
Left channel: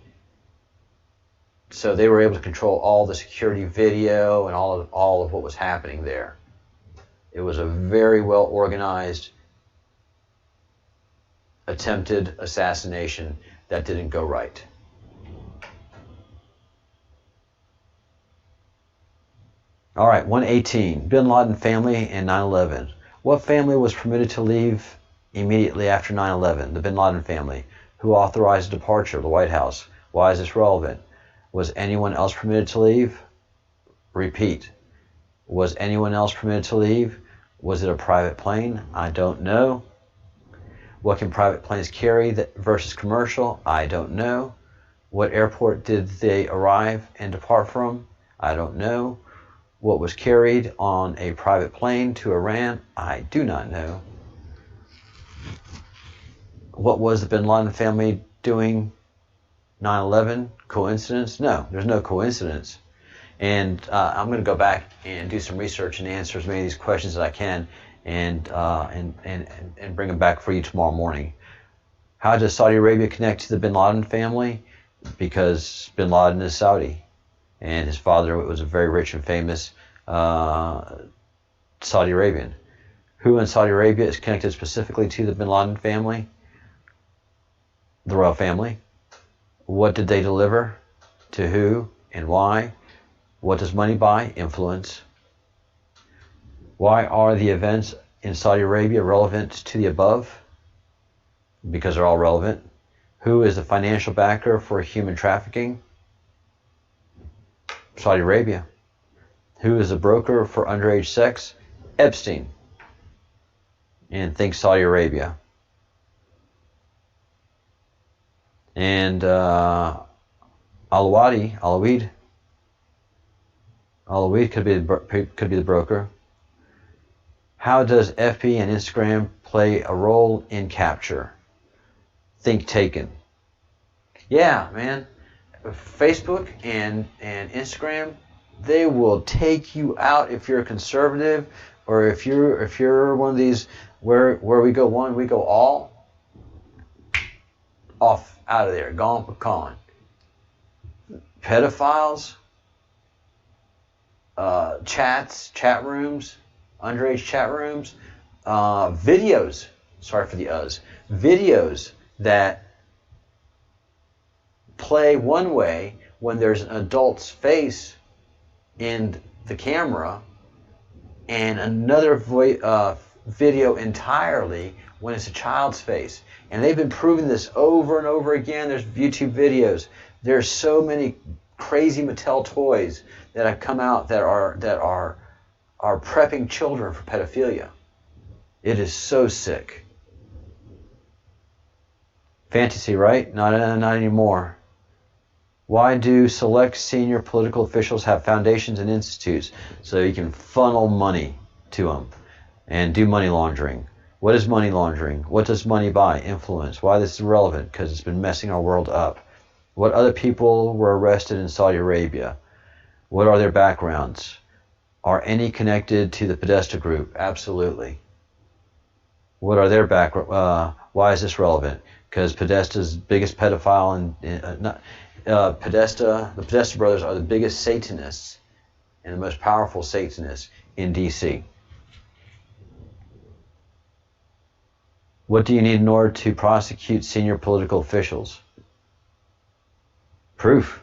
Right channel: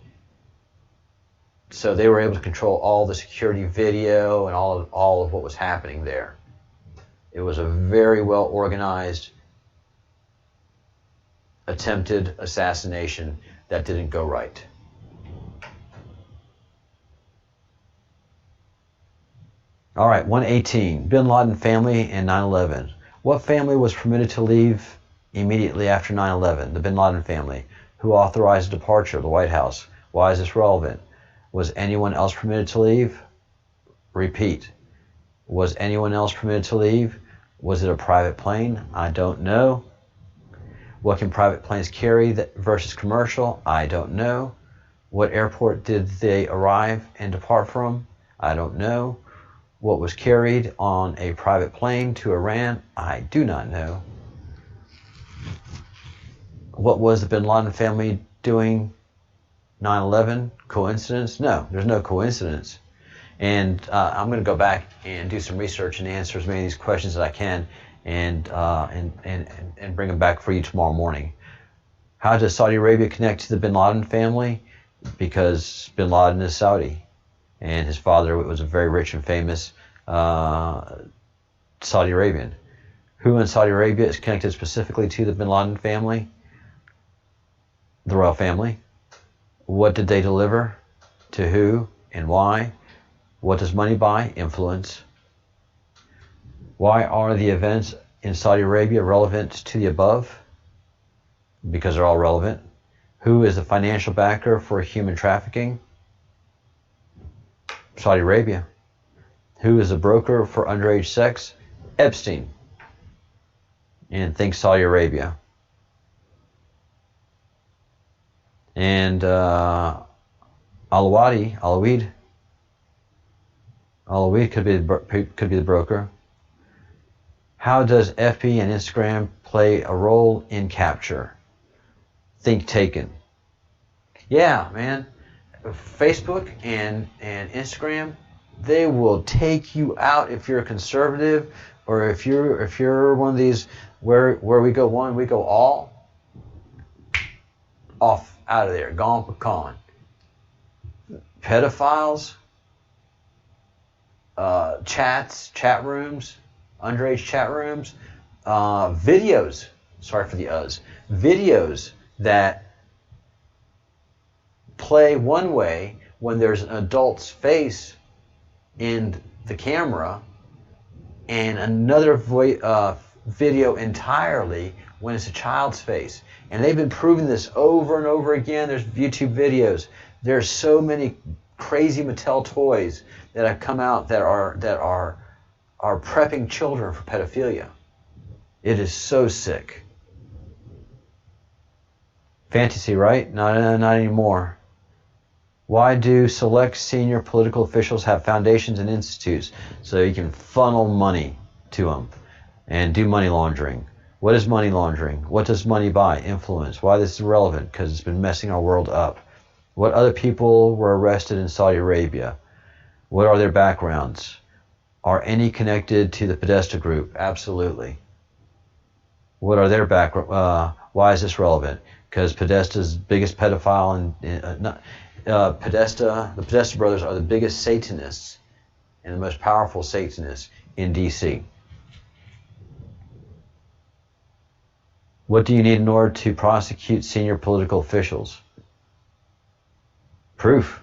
So they were able to control all the security video and all of what was happening there. It was a very well organized attempted assassination that didn't go right. All right, 118, Bin Laden family and 9/11. What family was permitted to leave immediately after 9/11? The Bin Laden family. Who authorized the departure of the White House? Why is this relevant? Was anyone else permitted to leave? Repeat. Was anyone else permitted to leave? Was it a private plane? I don't know. What can private planes carry versus commercial? I don't know. What airport did they arrive and depart from? I don't know. What was carried on a private plane to Iran? I do not know. What was the Bin Laden family doing 9/11? Coincidence? No, there's no coincidence. And I'm going to go back and do some research and answer as many of these questions as I can, and bring them back for you tomorrow morning. How does Saudi Arabia connect to the Bin Laden family? Because Bin Laden is Saudi, and his father was a very rich and famous Saudi Arabian. Who in Saudi Arabia is connected specifically to the Bin Laden family? The royal family. What did they deliver? To who and why? What does money buy? Influence. Why are the events in Saudi Arabia relevant to the above? Because they're all relevant. Who is the financial backer for human trafficking? Saudi Arabia. Who is the broker for underage sex? Epstein. And think Saudi Arabia. And Alawid could be the broker. How does FB and Instagram play a role in capture? Think Taken. Yeah, man. Facebook and Instagram, they will take you out if you're a conservative, or if you're one of these where we go one, we go all. Off, out of there, gone, pecan. pedophiles, chat rooms, underage chat rooms, videos, sorry for the videos that play one way when there's an adult's face in the camera, and another video entirely when it's a child's face. And they've been proving this over and over again. There's YouTube videos. There's so many crazy Mattel toys that have come out that are prepping children for pedophilia. It is so sick. Fantasy, right? Not anymore. Why do select senior political officials have foundations and institutes? So you can funnel money to them and do money laundering. What is money laundering? What does money buy? Influence. Why this is relevant? Because it's been messing our world up. What other people were arrested in Saudi Arabia? What are their backgrounds? Are any connected to the Podesta group? Absolutely. What are their background? Why is this relevant? Because Podesta's biggest pedophile the Podesta brothers are the biggest Satanists and the most powerful Satanists in D.C. What do you need in order to prosecute senior political officials? Proof.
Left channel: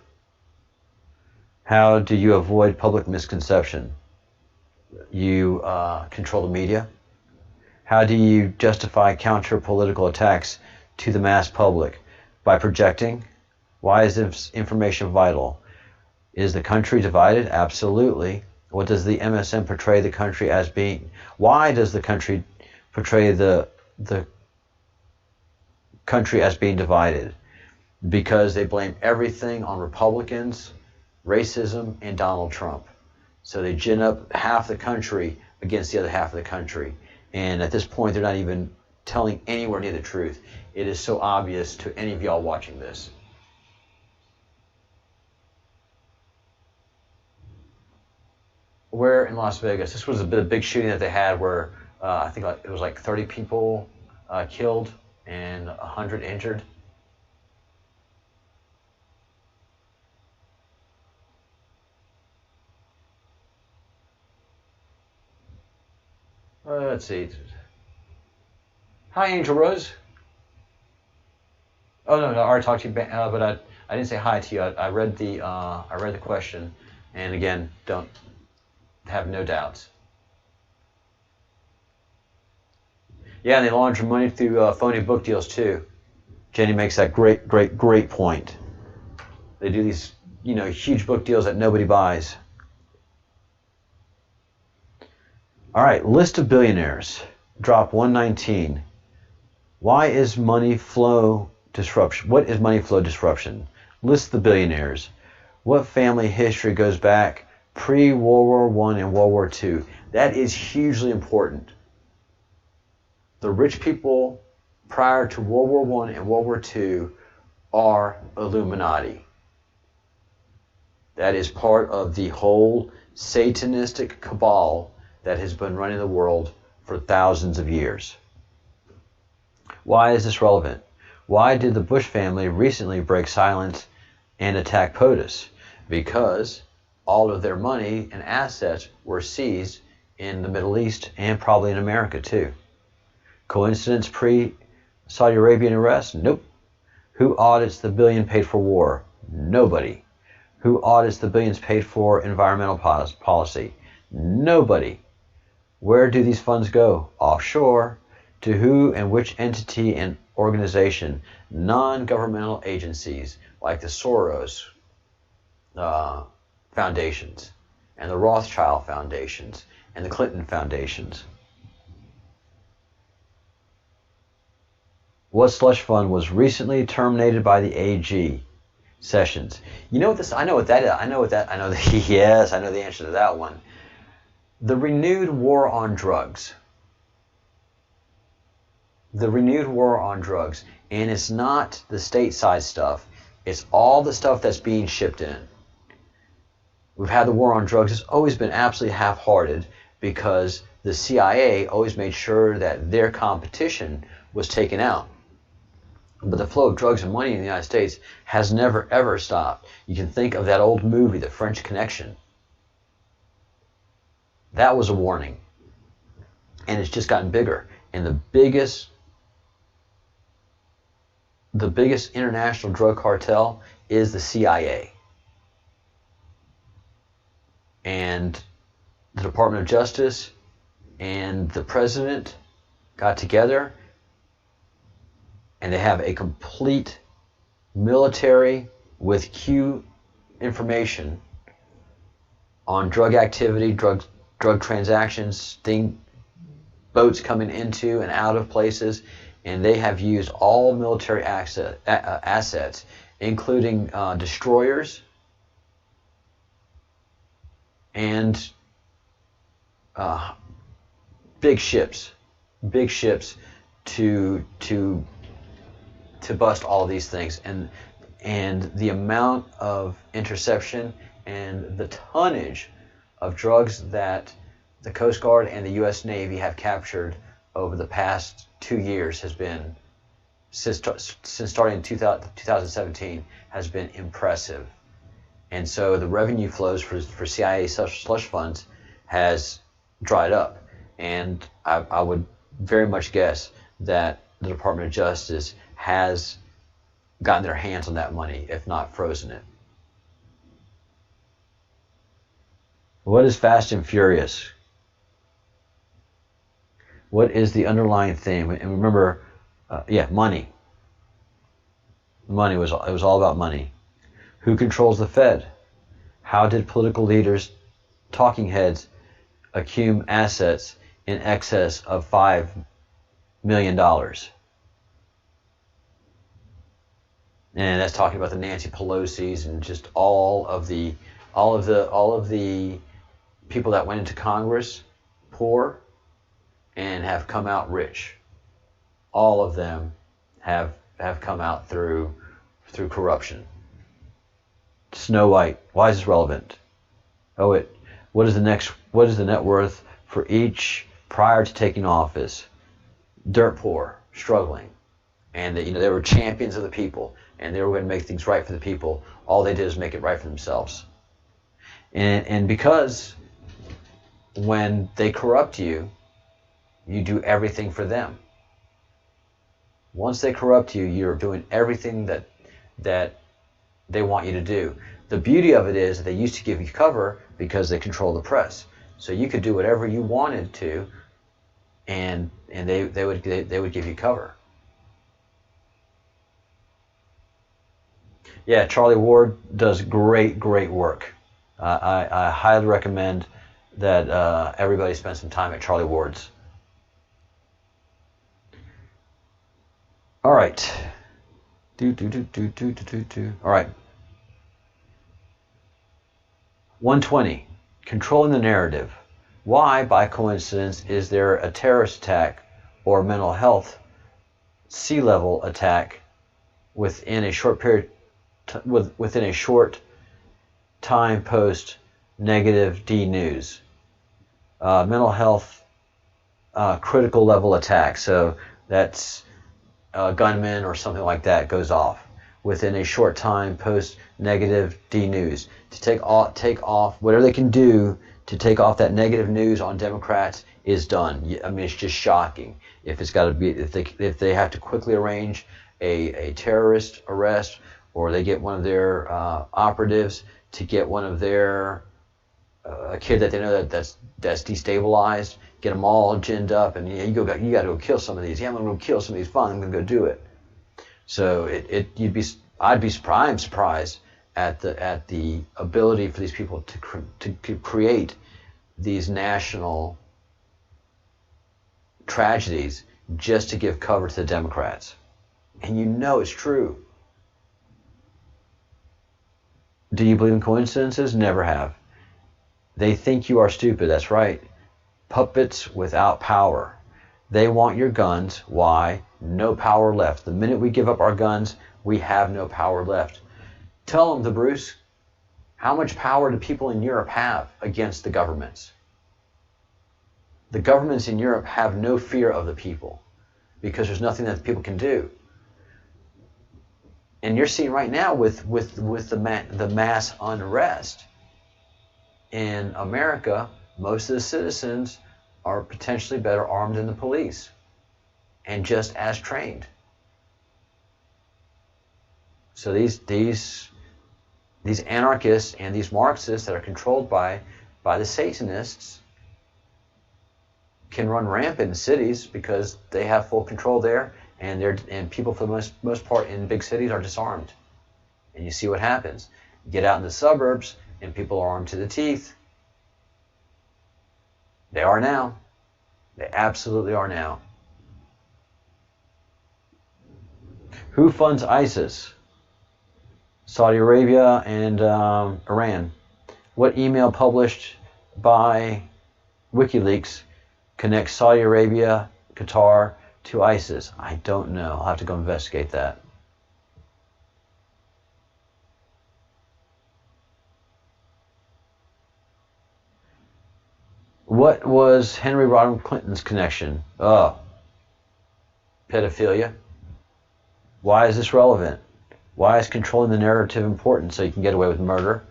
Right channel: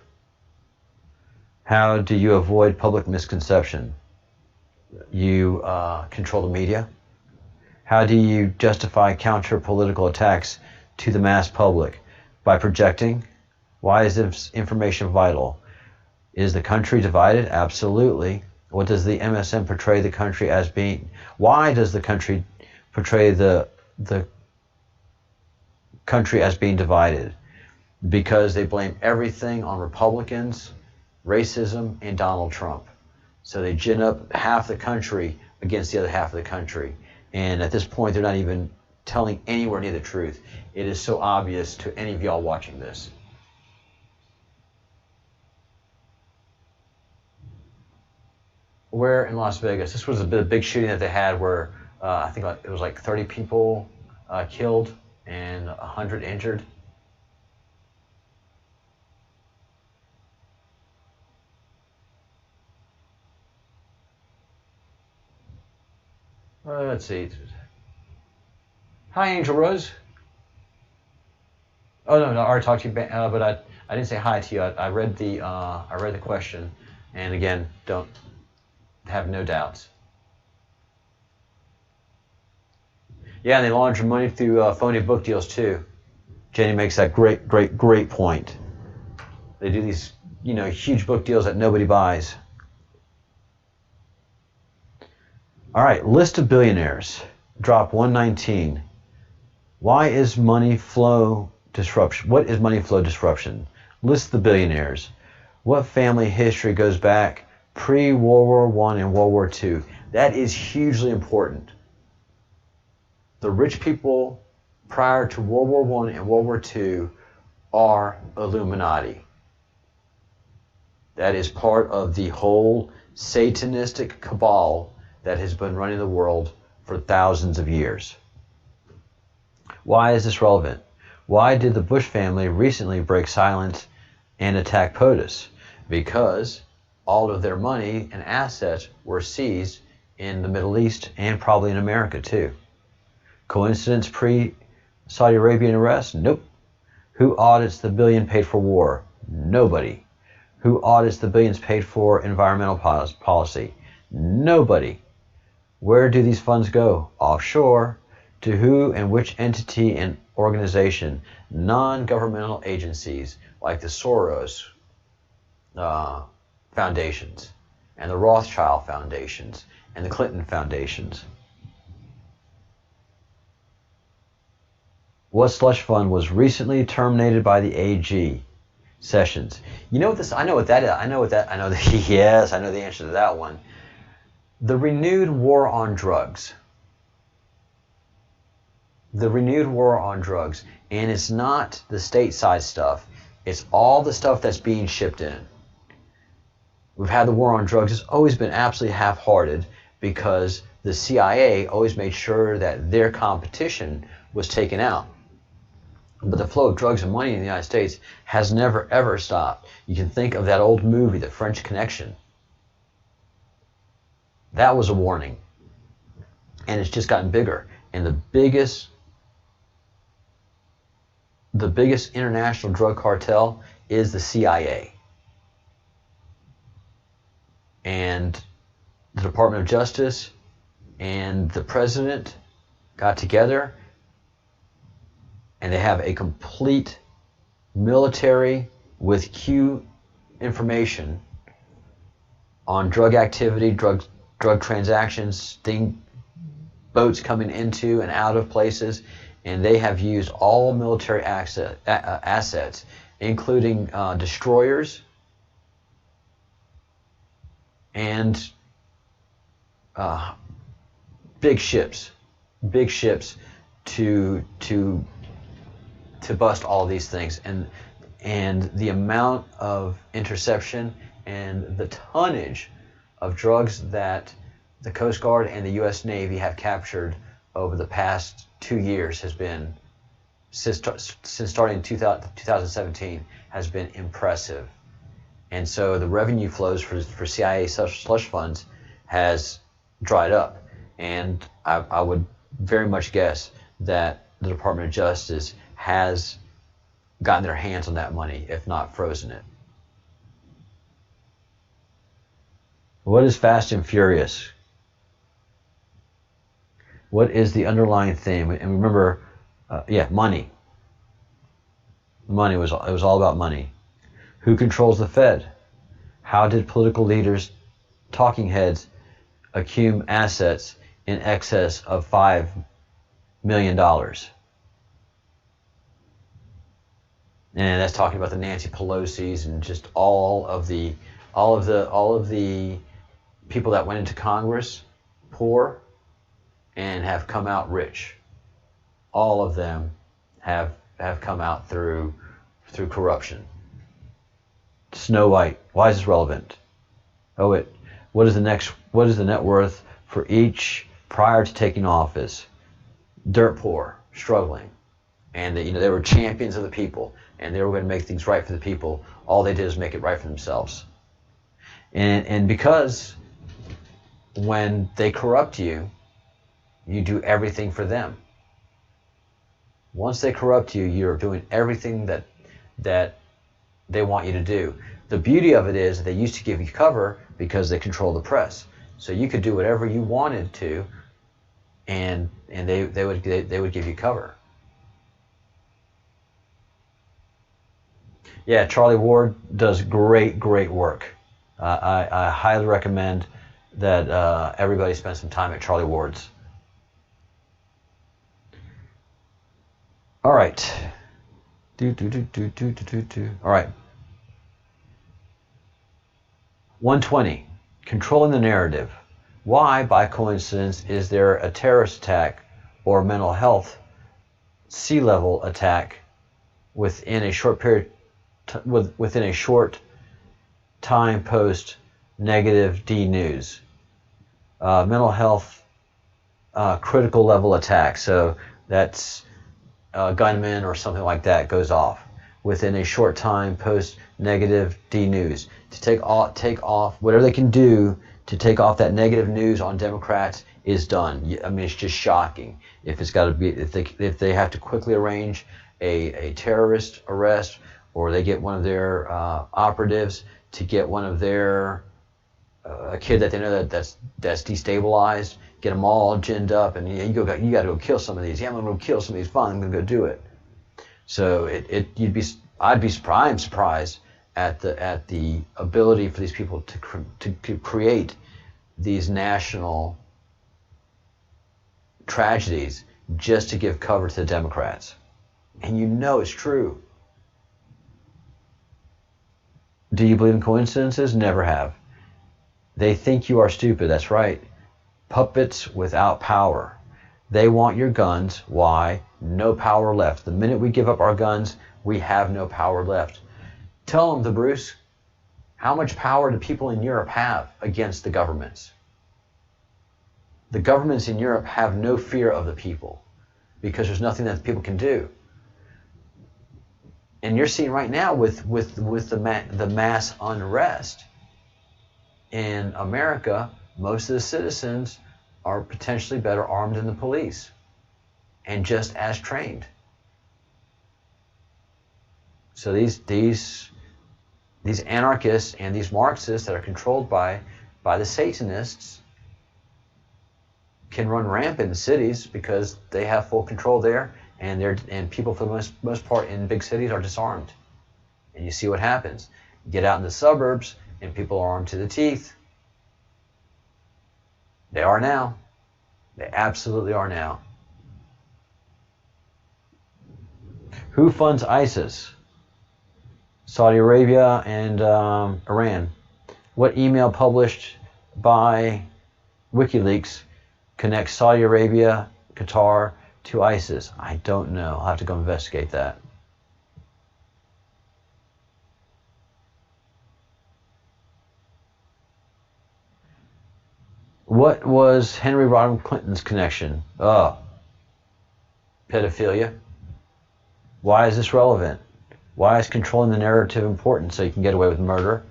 How do you avoid public misconception? You control the media. How do you justify counter-political attacks to the mass public? By projecting. Why is this information vital? Is the country divided? Absolutely. What does the MSM portray the country as being? Why does the country portray the country as being divided? Because they blame everything on Republicans, racism, and Donald Trump. So they gin up half the country against the other half of the country. And at this point, they're not even telling anywhere near the truth. It is so obvious to any of y'all watching this. Where in Las Vegas? This was a big shooting that they had where I think it was like 30 people killed and 100 injured. Let's see. Hi, Angel Rose. Oh no, I already talked to you, but I didn't say hi to you. I read the question, and again, don't have no doubts. Yeah, and they launder money through phony book deals too. Jenny makes that great point. They do these, huge book deals that nobody buys. All right, list of billionaires. Drop 119. Why is money flow disruption? What is money flow disruption? List the billionaires. What family history goes back pre-World War I and World War II? That is hugely important. The rich people prior to World War I and World War II are Illuminati. That is part of the whole Satanistic cabal that has been running the world for thousands of years. Why is this relevant? Why did the Bush family recently break silence and attack POTUS? Because all of their money and assets were seized in the Middle East and probably in America too. Coincidence pre-Saudi Arabian arrest? Nope. Who audits the billion paid for war? Nobody. Who audits the billions paid for environmental policy? Nobody. Where do these funds go? Offshore. To who and which entity and organization? Non-governmental agencies like the Soros foundations and the Rothschild foundations and the Clinton foundations. What slush fund was recently terminated by the AG? Sessions. You know what this? I know what that is. I know yes, I know the answer to that one. The renewed war on drugs. The renewed war on drugs. And it's not the stateside stuff. It's all the stuff that's being shipped in. We've had the war on drugs. It's always been absolutely half-hearted because the CIA always made sure that their competition was taken out. But the flow of drugs and money in the United States has never, ever stopped. You can think of that old movie, The French Connection. That was a warning. And it's just gotten bigger. And the biggest international drug cartel is the CIA. And the Department of Justice and the President got together, and they have a complete military with Q information on drug activity, drug transactions, boats coming into and out of places, and they have used all military assets, including destroyers and big ships to bust all of these things, and the amount of interception and the tonnage of drugs that the Coast Guard and the U.S. Navy have captured over the past 2 years has been, since starting in 2017, has been impressive. And so the revenue flows for CIA slush funds has dried up. And I would very much guess that the Department of Justice has gotten their hands on that money, if not frozen it. What is Fast and Furious? What is the underlying theme? And remember, money. Money it was all about money. Who controls the Fed? How did political leaders, talking heads, accumulate assets in excess of $5 million? And that's talking about the Nancy Pelosi's and just all of the people that went into Congress poor and have come out rich. All of them have come out through corruption. Snow White. Why is this relevant? What is the net worth for each prior to taking office? Dirt poor, struggling, and they were champions of the people, and they were going to make things right for the people. All they did is make it right for themselves. And because when they corrupt you, you do everything for them. Once they corrupt you, you're doing everything that they want you to do. The beauty of it is that they used to give you cover because they control the press. So you could do whatever you wanted to, and they would give you cover. Yeah, Charlie Ward does great work. I highly recommend that everybody spend some time at Charlie Ward's. All right. All right. 120. Controlling the narrative. Why, by coincidence, is there a terrorist attack or mental health sea level attack within a short period, within a short time post negative D news? Mental health critical level attack. So that's a gunman or something like that goes off within a short time post negative D news. To take off whatever they can do to take off that negative news on Democrats is done. I mean, it's just shocking. If it's got to be, if they have to quickly arrange a terrorist arrest, or they get one of their operatives to get one of their a kid that they know that's destabilized, get them all ginned up, and you got to go kill some of these. Yeah, I'm going to go kill some of these. Fine, I'm going to go do it. So I'm surprised at the ability for these people to create these national tragedies just to give cover to the Democrats. And you know it's true. Do you believe in coincidences? Never have. They think you are stupid. That's right. Puppets without power. They want your guns. Why? No power left. The minute we give up our guns, we have no power left. Tell them, Bruce, how much power do people in Europe have against the governments? The governments in Europe have no fear of the people because there's nothing that the people can do. And you're seeing right now with the mass unrest in America, most of the citizens are potentially better armed than the police and just as trained. So these anarchists and these Marxists that are controlled by the Satanists can run rampant in cities because they have full control there, and people for the most part in big cities are disarmed. And you see what happens. Get out in the suburbs and people are armed to the teeth. They are now. They absolutely are now. Who funds ISIS? Saudi Arabia and Iran. What email published by WikiLeaks connects Saudi Arabia, Qatar to ISIS? I don't know. I'll have to go investigate that. What was Henry Rodham Clinton's connection? Oh, pedophilia. Why is this relevant? Why is controlling the narrative important so you can get away with murder?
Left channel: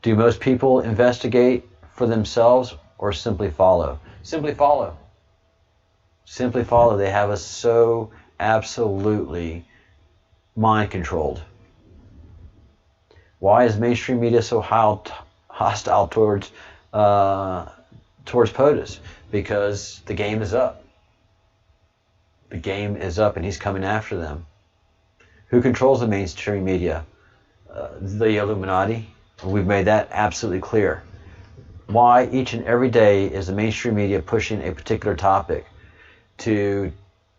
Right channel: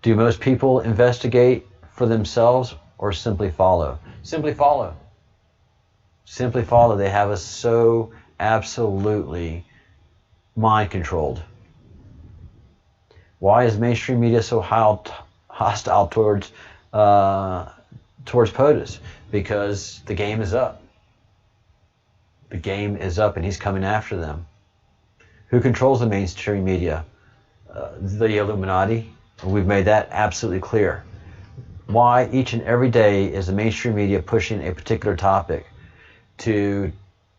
Do most people investigate for themselves or simply follow? Simply follow. Simply follow. They have us so absolutely mind controlled. Why is mainstream media so hostile towards POTUS? Because the game is up. The game is up and he's coming after them. Who controls the mainstream media? The Illuminati. We've made that absolutely clear. Why each and every day is the mainstream media pushing a particular topic and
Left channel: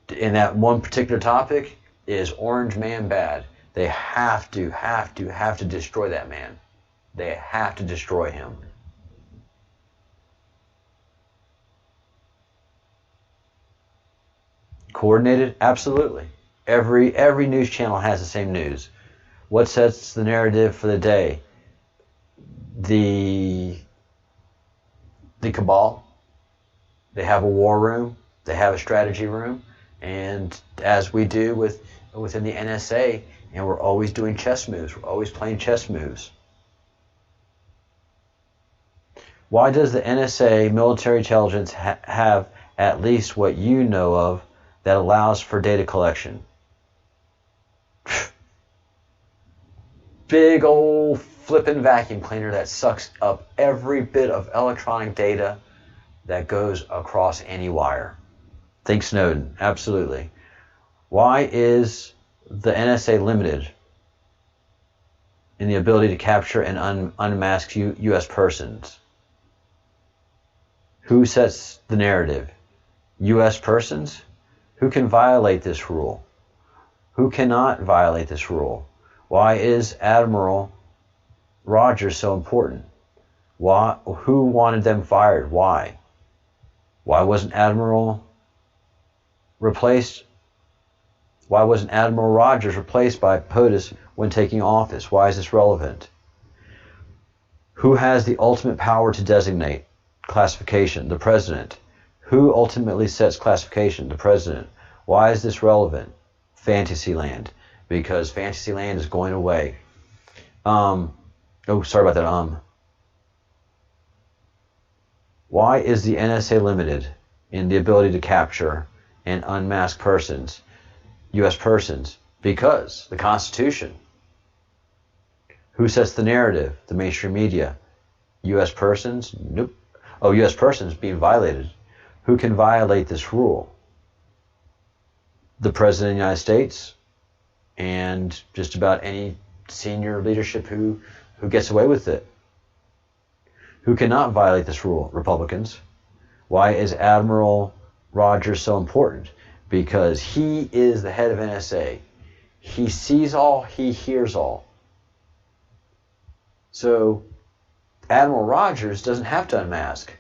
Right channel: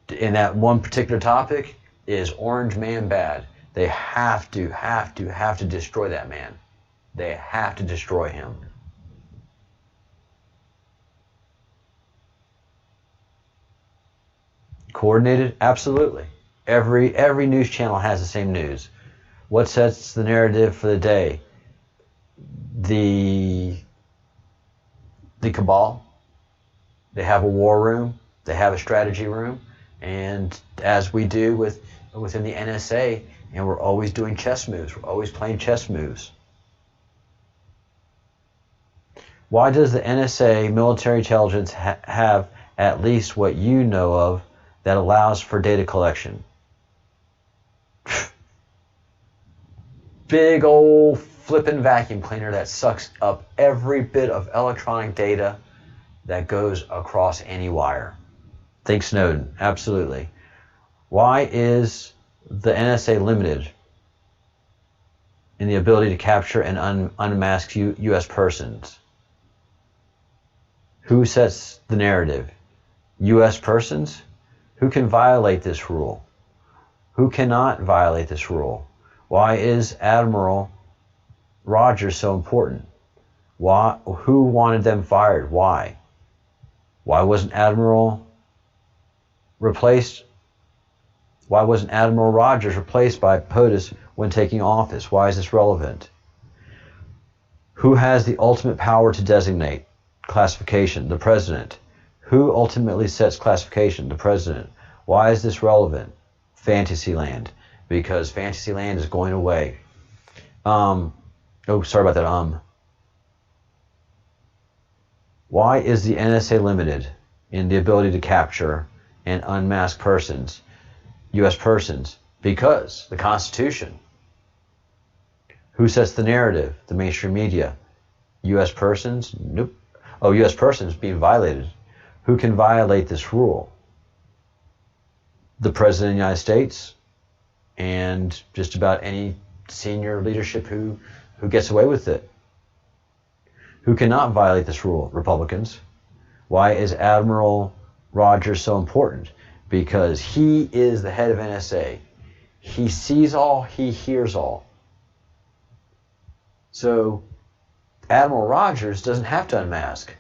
that one particular topic is Orange Man bad. They have to destroy that man. They have to destroy him. Coordinated? Absolutely. Every news channel has the same news. What sets the narrative for the day? The cabal. They have a war room. They have a strategy room. And as we do within the NSA, and we're always doing chess moves. We're always playing chess moves. Why does the NSA military intelligence have at least what you know of that allows for data collection? Big old flippin' vacuum cleaner that sucks up every bit of electronic data that goes across any wire. Think Snowden, absolutely. Why is the NSA limited in the ability to capture and unmask U.S. persons? Who sets the narrative? U.S. persons? Who can violate this rule? Who cannot violate this rule? Why is Admiral Rogers so important? Why? Who wanted them fired? Why? Why wasn't Admiral replaced? Why wasn't Admiral Rogers replaced by POTUS when taking office? Why is this relevant? Who has the ultimate power to designate classification? The president. Who ultimately sets classification? The president. Why is this relevant? Fantasyland. Because Fantasyland is going away. Sorry about that. Why is the NSA limited in the ability to capture and unmask persons, U.S. persons? Because the Constitution. Who sets the narrative? The mainstream media. U.S. persons? Nope. Oh, U.S. persons being violated. Who can violate this rule? The President of the United States and just about any senior leadership who gets away with it. Who cannot violate this rule? Republicans. Why is Admiral Rogers so important? Because he is the head of NSA. He sees all, he hears all. So Admiral Rogers doesn't have to unmask.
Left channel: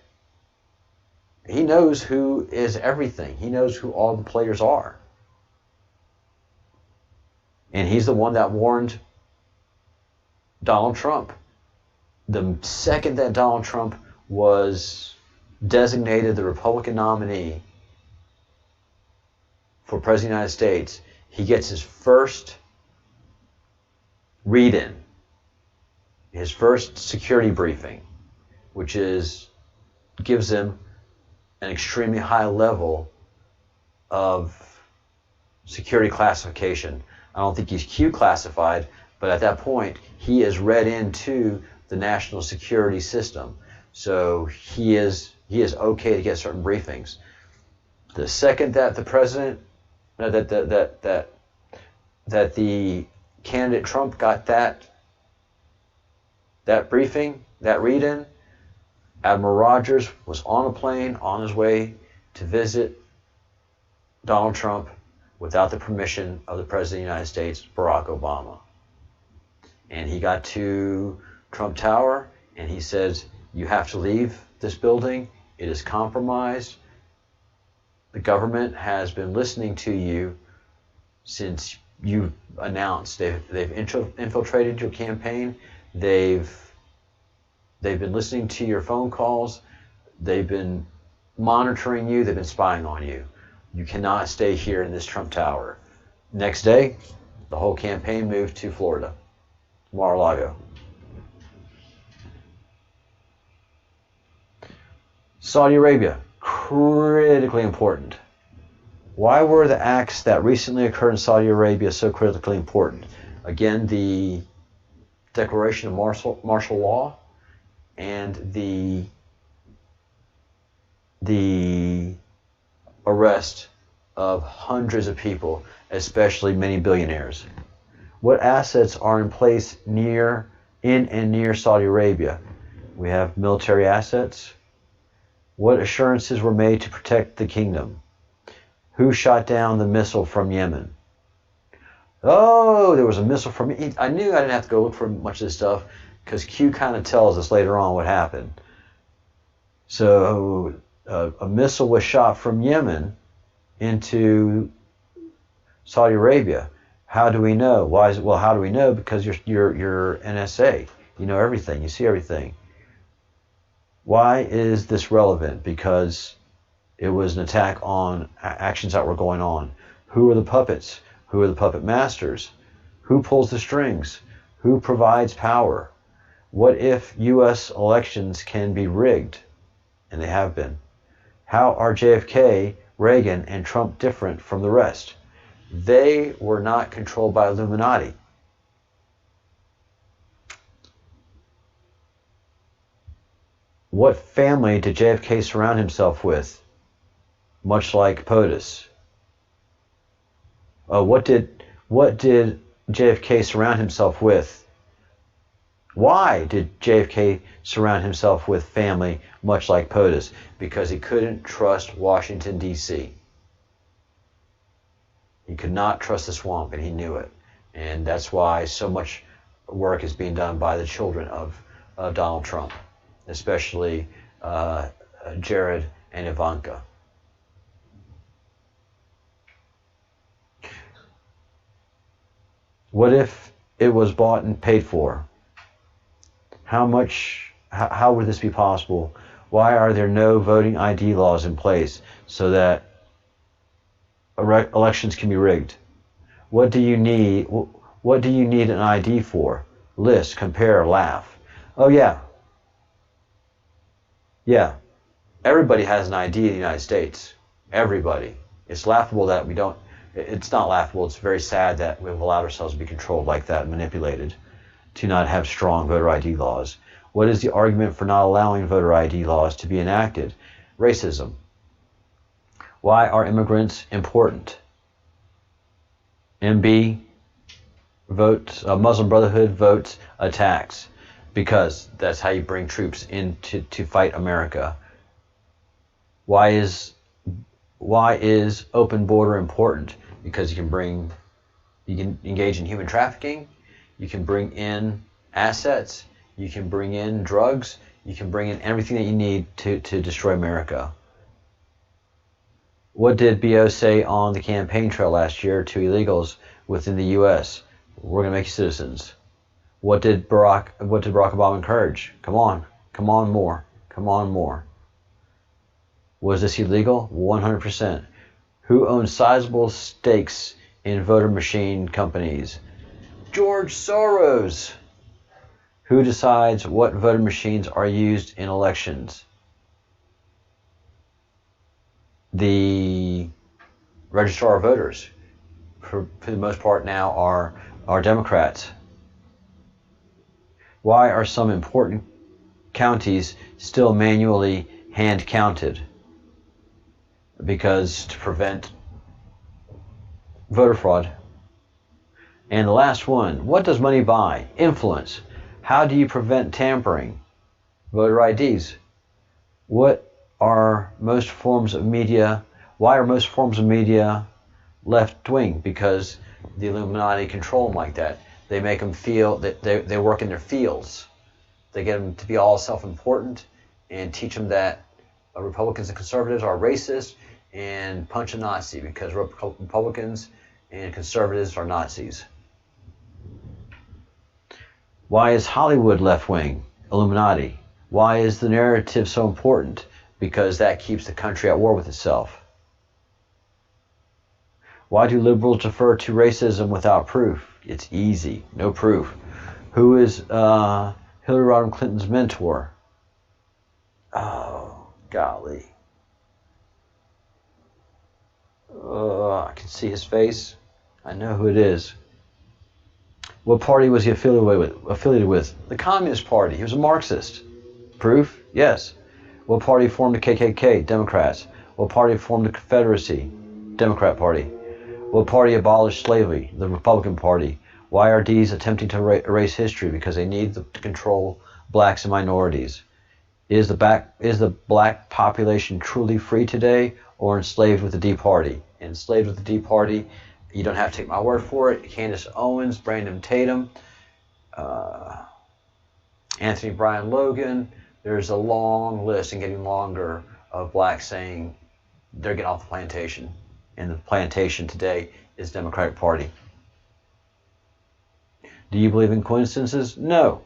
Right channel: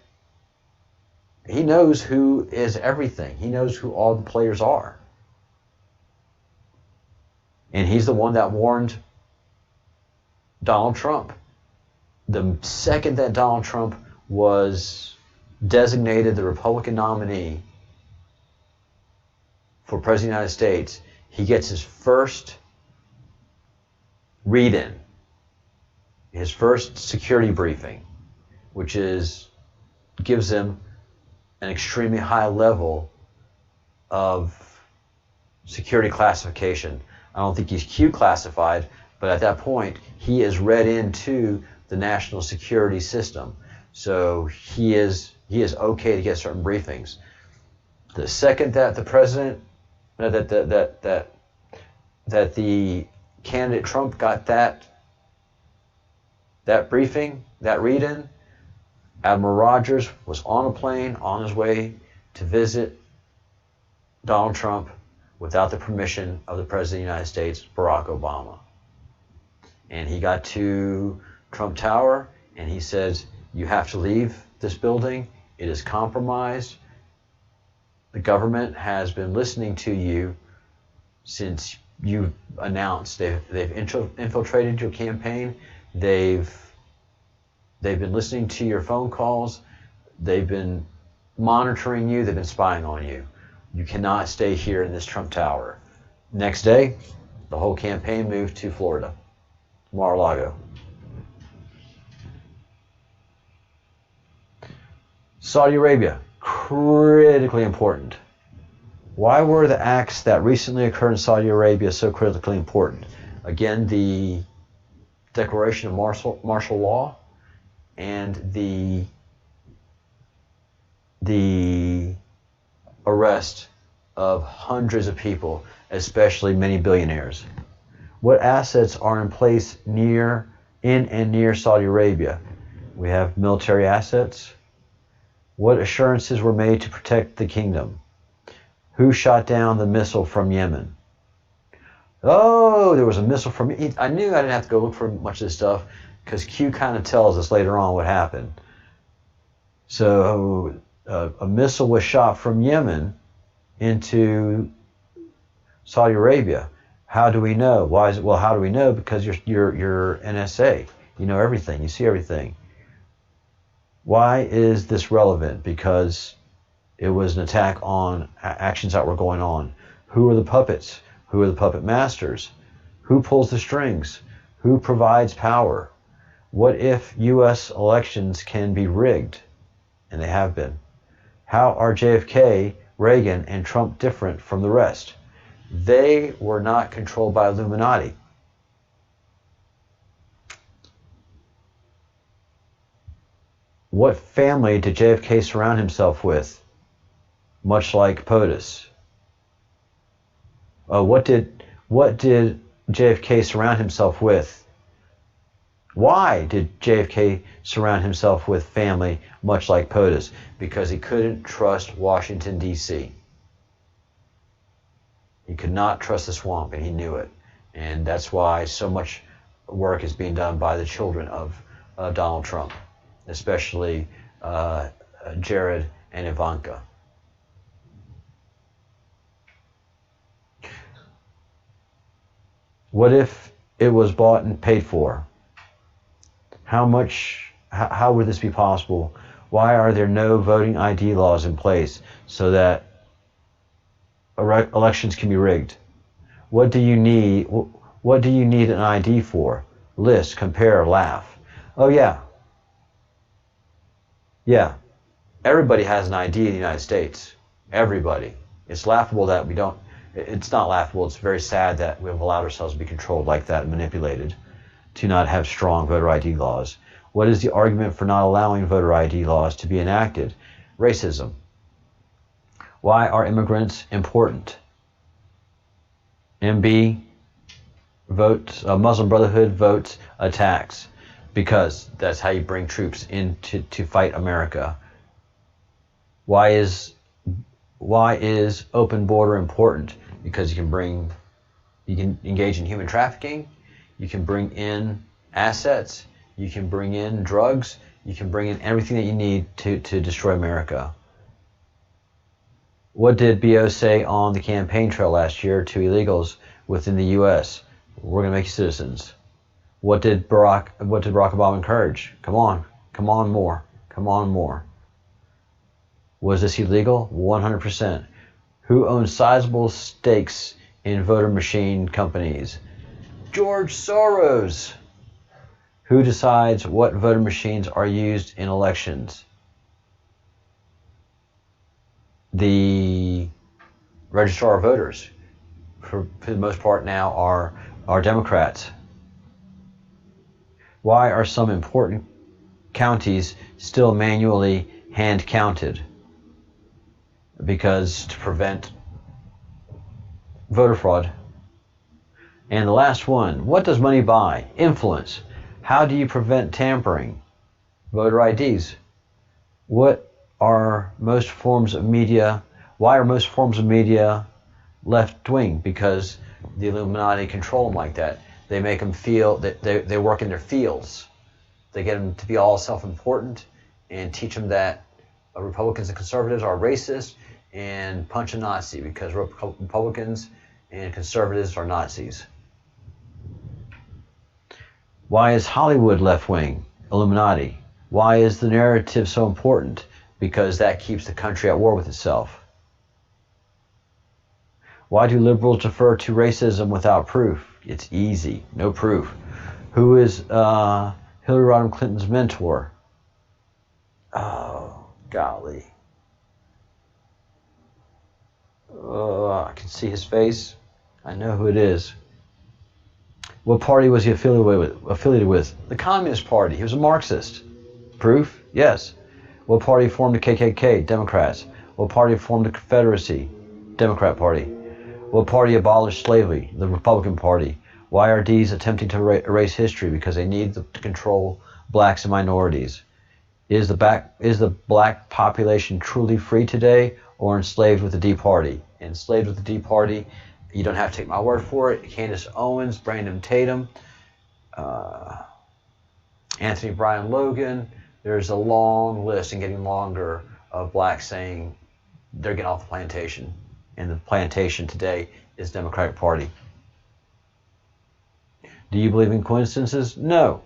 He knows who is everything. He knows who all the players are. And he's the one that warned Donald Trump. The second that Donald Trump was designated the Republican nominee for President of the United States, he gets his first read-in, his first security briefing, which gives him an extremely high level of security classification. I don't think he's Q classified, but at that point, he is read into the national security system. So he is okay to get certain briefings. The second that the president, that the candidate Trump got that briefing, that read-in, Admiral Rogers was on a plane on his way to visit Donald Trump without the permission of the President of the United States, Barack Obama. And he got to Trump Tower and he says, "You have to leave this building. It is compromised. The government has been listening to you since you announced they've infiltrated your campaign. They've been listening to your phone calls. They've been monitoring you. They've been spying on you. You cannot stay here in this Trump Tower." Next day, the whole campaign moved to Florida, Mar-a-Lago. Saudi Arabia, critically important. Why were the acts that recently occurred in Saudi Arabia so critically important? Again, the declaration of martial law and the arrest of hundreds of people, especially many billionaires. What assets are in place in and near Saudi Arabia? We have military assets. What assurances were made to protect the kingdom? Who shot down the missile from Yemen? Oh, there was a missile from... I knew I didn't have to go look for much of this stuff because Q kind of tells us later on what happened. So a missile was shot from Yemen into Saudi Arabia. How do we know? Why is it? Well, how do we know? Because you're NSA. You know everything. You see everything. Why is this relevant? Because it was an attack on actions that were going on. Who are the puppets? Who are the puppet masters? Who pulls the strings? Who provides power? What if U.S. elections can be rigged? And they have been. How are JFK, Reagan, and Trump different from the rest? They were not controlled by Illuminati. What family did JFK surround himself with? Much like POTUS. What did JFK surround himself with? Why did JFK surround himself with family much like POTUS? Because he couldn't trust Washington, D.C. He could not trust the swamp, and he knew it. And that's why so much work is being done by the children of Donald Trump, especially Jared and Ivanka. What if it was bought and paid for? How would this be possible? Why are there no voting ID laws in place so that elections can be rigged? What do you need? What do you need an ID for? List, compare, laugh. Oh yeah. Yeah. Everybody has an ID in the United States. Everybody. It's laughable that we don't. It's not laughable. It's very sad that we've allowed ourselves to be controlled like that and manipulated to not have strong voter ID laws. What is the argument for not allowing voter ID laws to be enacted? Racism. Why are immigrants important? MB votes, Muslim Brotherhood votes attacks, because that's how you bring troops in to fight America. Why is open border important? Because you can engage in human trafficking, you can bring in assets, you can bring in drugs, you can bring in everything that you need to destroy America. What did BO say on the campaign trail last year to illegals within the U.S.? We're going to make you citizens. What did Barack Obama encourage? Come on more. Was this illegal? 100%. Who owns sizable stakes in voter machine companies? George Soros. Who decides what voting machines are used in elections? The registrar of voters, for the most part now, are Democrats. Why are some important counties still manually hand counted? Because to prevent voter fraud. And the last one, what does money buy? Influence. How do you prevent tampering? Voter IDs. What are most forms of media? Why are most forms of media left-wing? Because the Illuminati control them like that. They make them feel that they work in their fields. They get them to be all self-important and teach them that Republicans and conservatives are racist and punch a Nazi because Republicans and conservatives are Nazis. Why is Hollywood left-wing? Illuminati. Why is the narrative so important? Because that keeps the country at war with itself. Why do liberals defer to racism without proof? It's easy, no proof. Who is Hillary Rodham Clinton's mentor? Oh, golly. I can see his face. I know who it is. What party was he affiliated with? The Communist Party. He was a Marxist. Proof? Yes. What party formed the KKK? Democrats. What party formed the Confederacy? Democrat Party. What party abolished slavery? The Republican Party. Why are D's attempting to erase history? Because they need to control blacks and minorities. Is the black population truly free today or enslaved with the D Party? Enslaved with the D Party, you don't have to take my word for it. Candace Owens, Brandon Tatum, Anthony Bryan Logan. There's a long list and getting longer of blacks saying they're getting off the plantation. And the plantation today is Democratic Party. Do you believe in coincidences? No.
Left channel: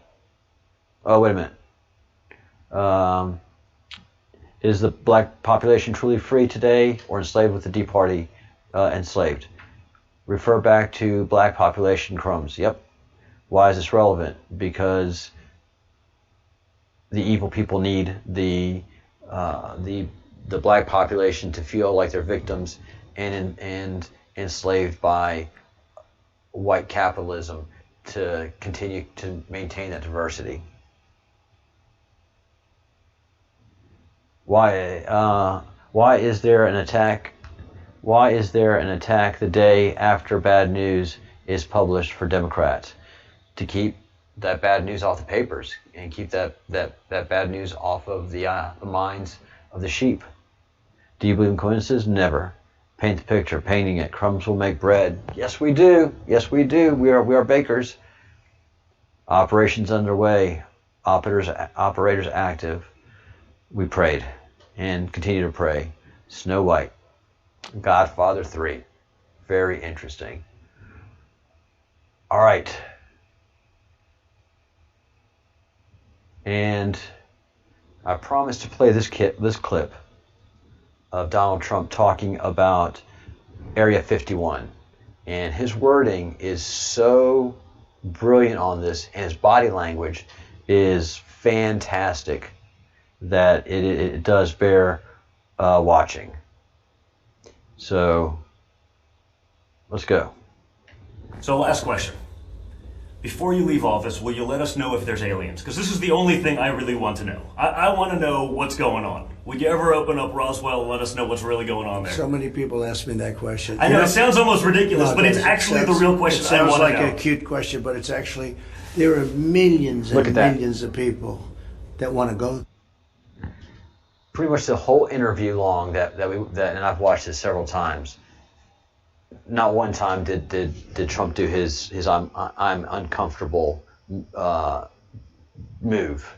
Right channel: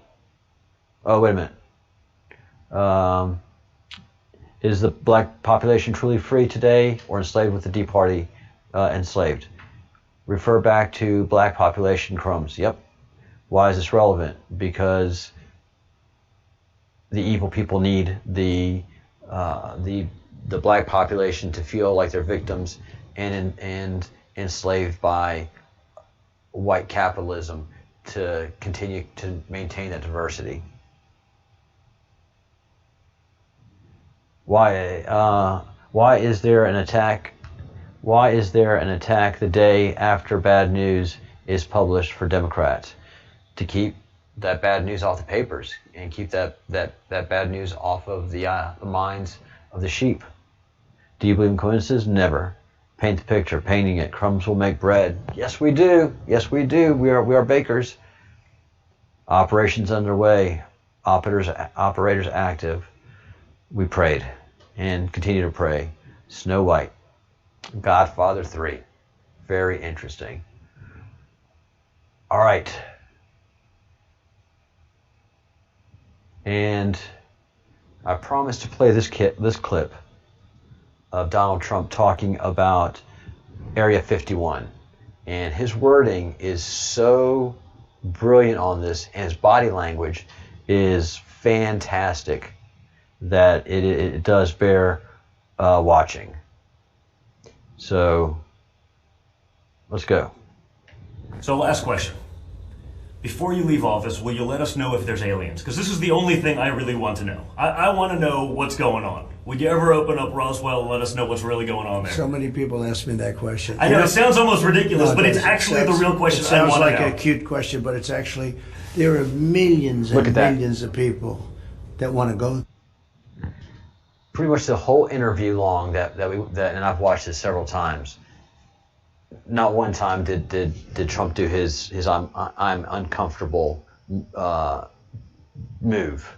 Oh, wait a minute. Is the black population truly free today or enslaved with the D Party enslaved? Refer back to black population crumbs. Yep. Why is this relevant? Because the evil people need the black population to feel like they're victims and enslaved by white capitalism to continue to maintain that diversity. Why is there an attack? Why is there an attack the day after bad news is published for Democrats? To keep that bad news off the papers and keep that bad news off of the minds of the sheep. Do you believe in coincidences? Never. Paint the picture, painting it. Crumbs will make bread. Yes, we do. Yes, we do. We are bakers. Operations underway. Operators active. We prayed and continue to pray. Snow White. Godfather 3. Very interesting. All right. And I promised to play this clip of Donald Trump talking about Area 51. And his wording is so brilliant on this, and his body language is fantastic that it does bear watching. So, let's go. So last question. Before you leave office, will you let us know if there's aliens? Because this is the only thing I really want to know. I want to know what's going on. Would you ever open up Roswell and let us know what's really going on there? So many people ask me that question. I know, it sounds almost ridiculous, but it's actually the real question I want to know. It sounds like a cute question, but it's actually, there are millions and millions of people that want to go. Pretty much the whole interview long that and I've watched this several times. Not one time did Trump do his I'm uncomfortable move,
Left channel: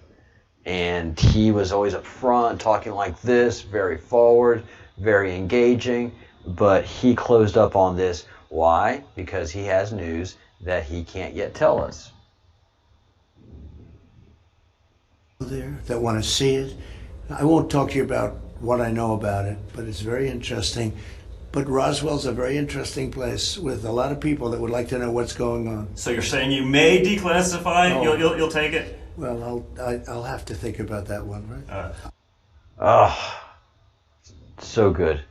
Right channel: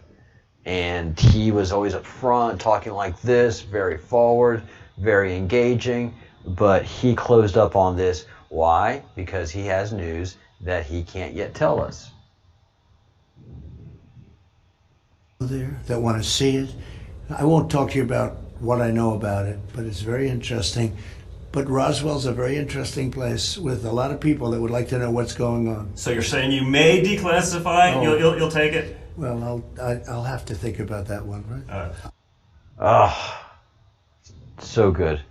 and he was always up front talking like this, very forward, very engaging. But he closed up on this. Why? Because he has news that he can't yet tell us. There that want to see it. I won't talk to you about what I know about it, but it's very interesting. But Roswell's a very interesting place with a lot of people that would like to know what's going on. So you're saying you may declassify? No. You'll take it? Well, I'll have to think about that one, right? So good.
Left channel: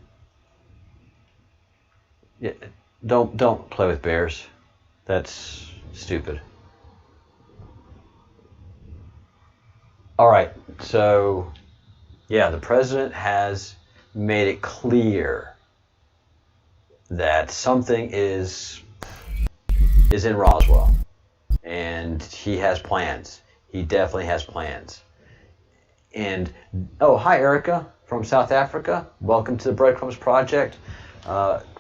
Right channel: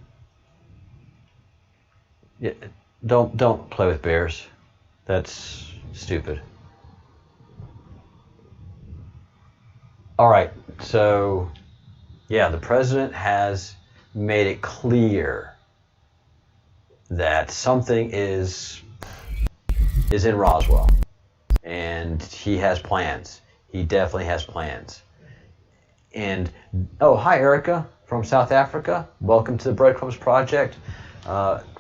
Yeah, don't play with bears. That's stupid. All right, so yeah, the president has made it clear that something is in Roswell, and he has plans. He definitely has plans. And oh, hi Erica from South Africa. Welcome to the Breadcrumbs Project.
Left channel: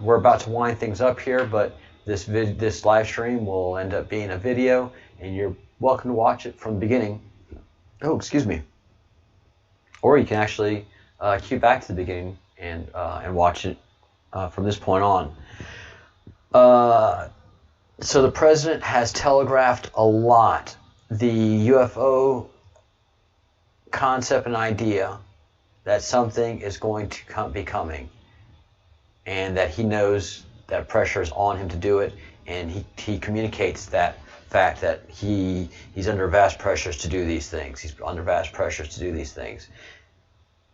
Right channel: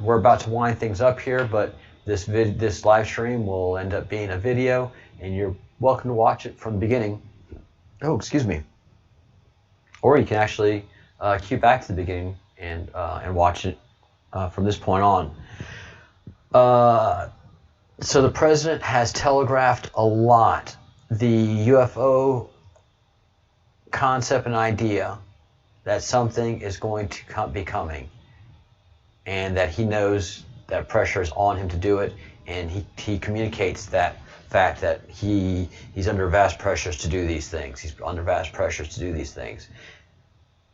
We're about to wind things up here, but this live stream will end up being a video, and you're welcome to watch it from the beginning. Oh, excuse me. Or you can actually cue back to the beginning and watch it from this point on. So the president has telegraphed a lot the UFO concept and idea that something is going to be coming, and that he knows that pressure is on him to do it, and he communicates that fact that he's under vast pressures to do these things. He's under vast pressures to do these things.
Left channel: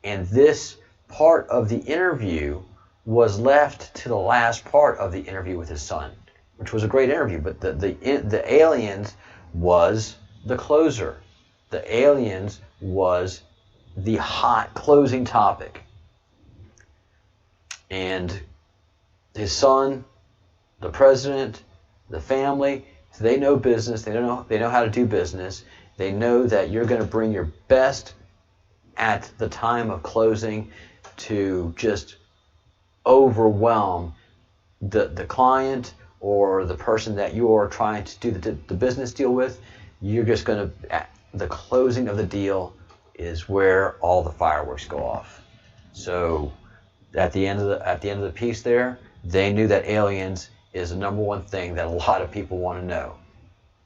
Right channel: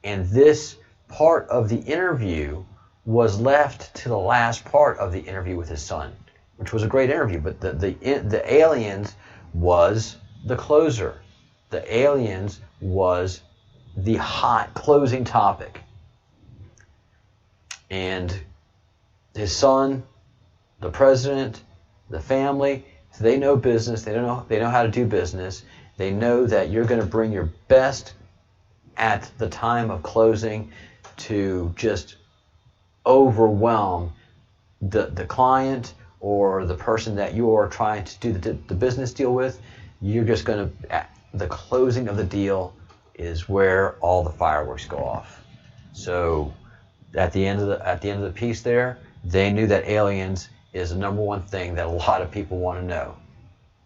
And this part of the interview was left to the last part of the interview with his son, which was a great interview, but the aliens was the closer. The aliens was the hot closing topic. And his son, the president, the family, they know business. They know how to do business. They know that you're going to bring your best at the time of closing to just overwhelm the client or the person that you're trying to do the business deal with. You're just going to, the closing of the deal is where all the fireworks go off. So at the end of the piece there, they knew that aliens is the number one thing that a lot of people want to know,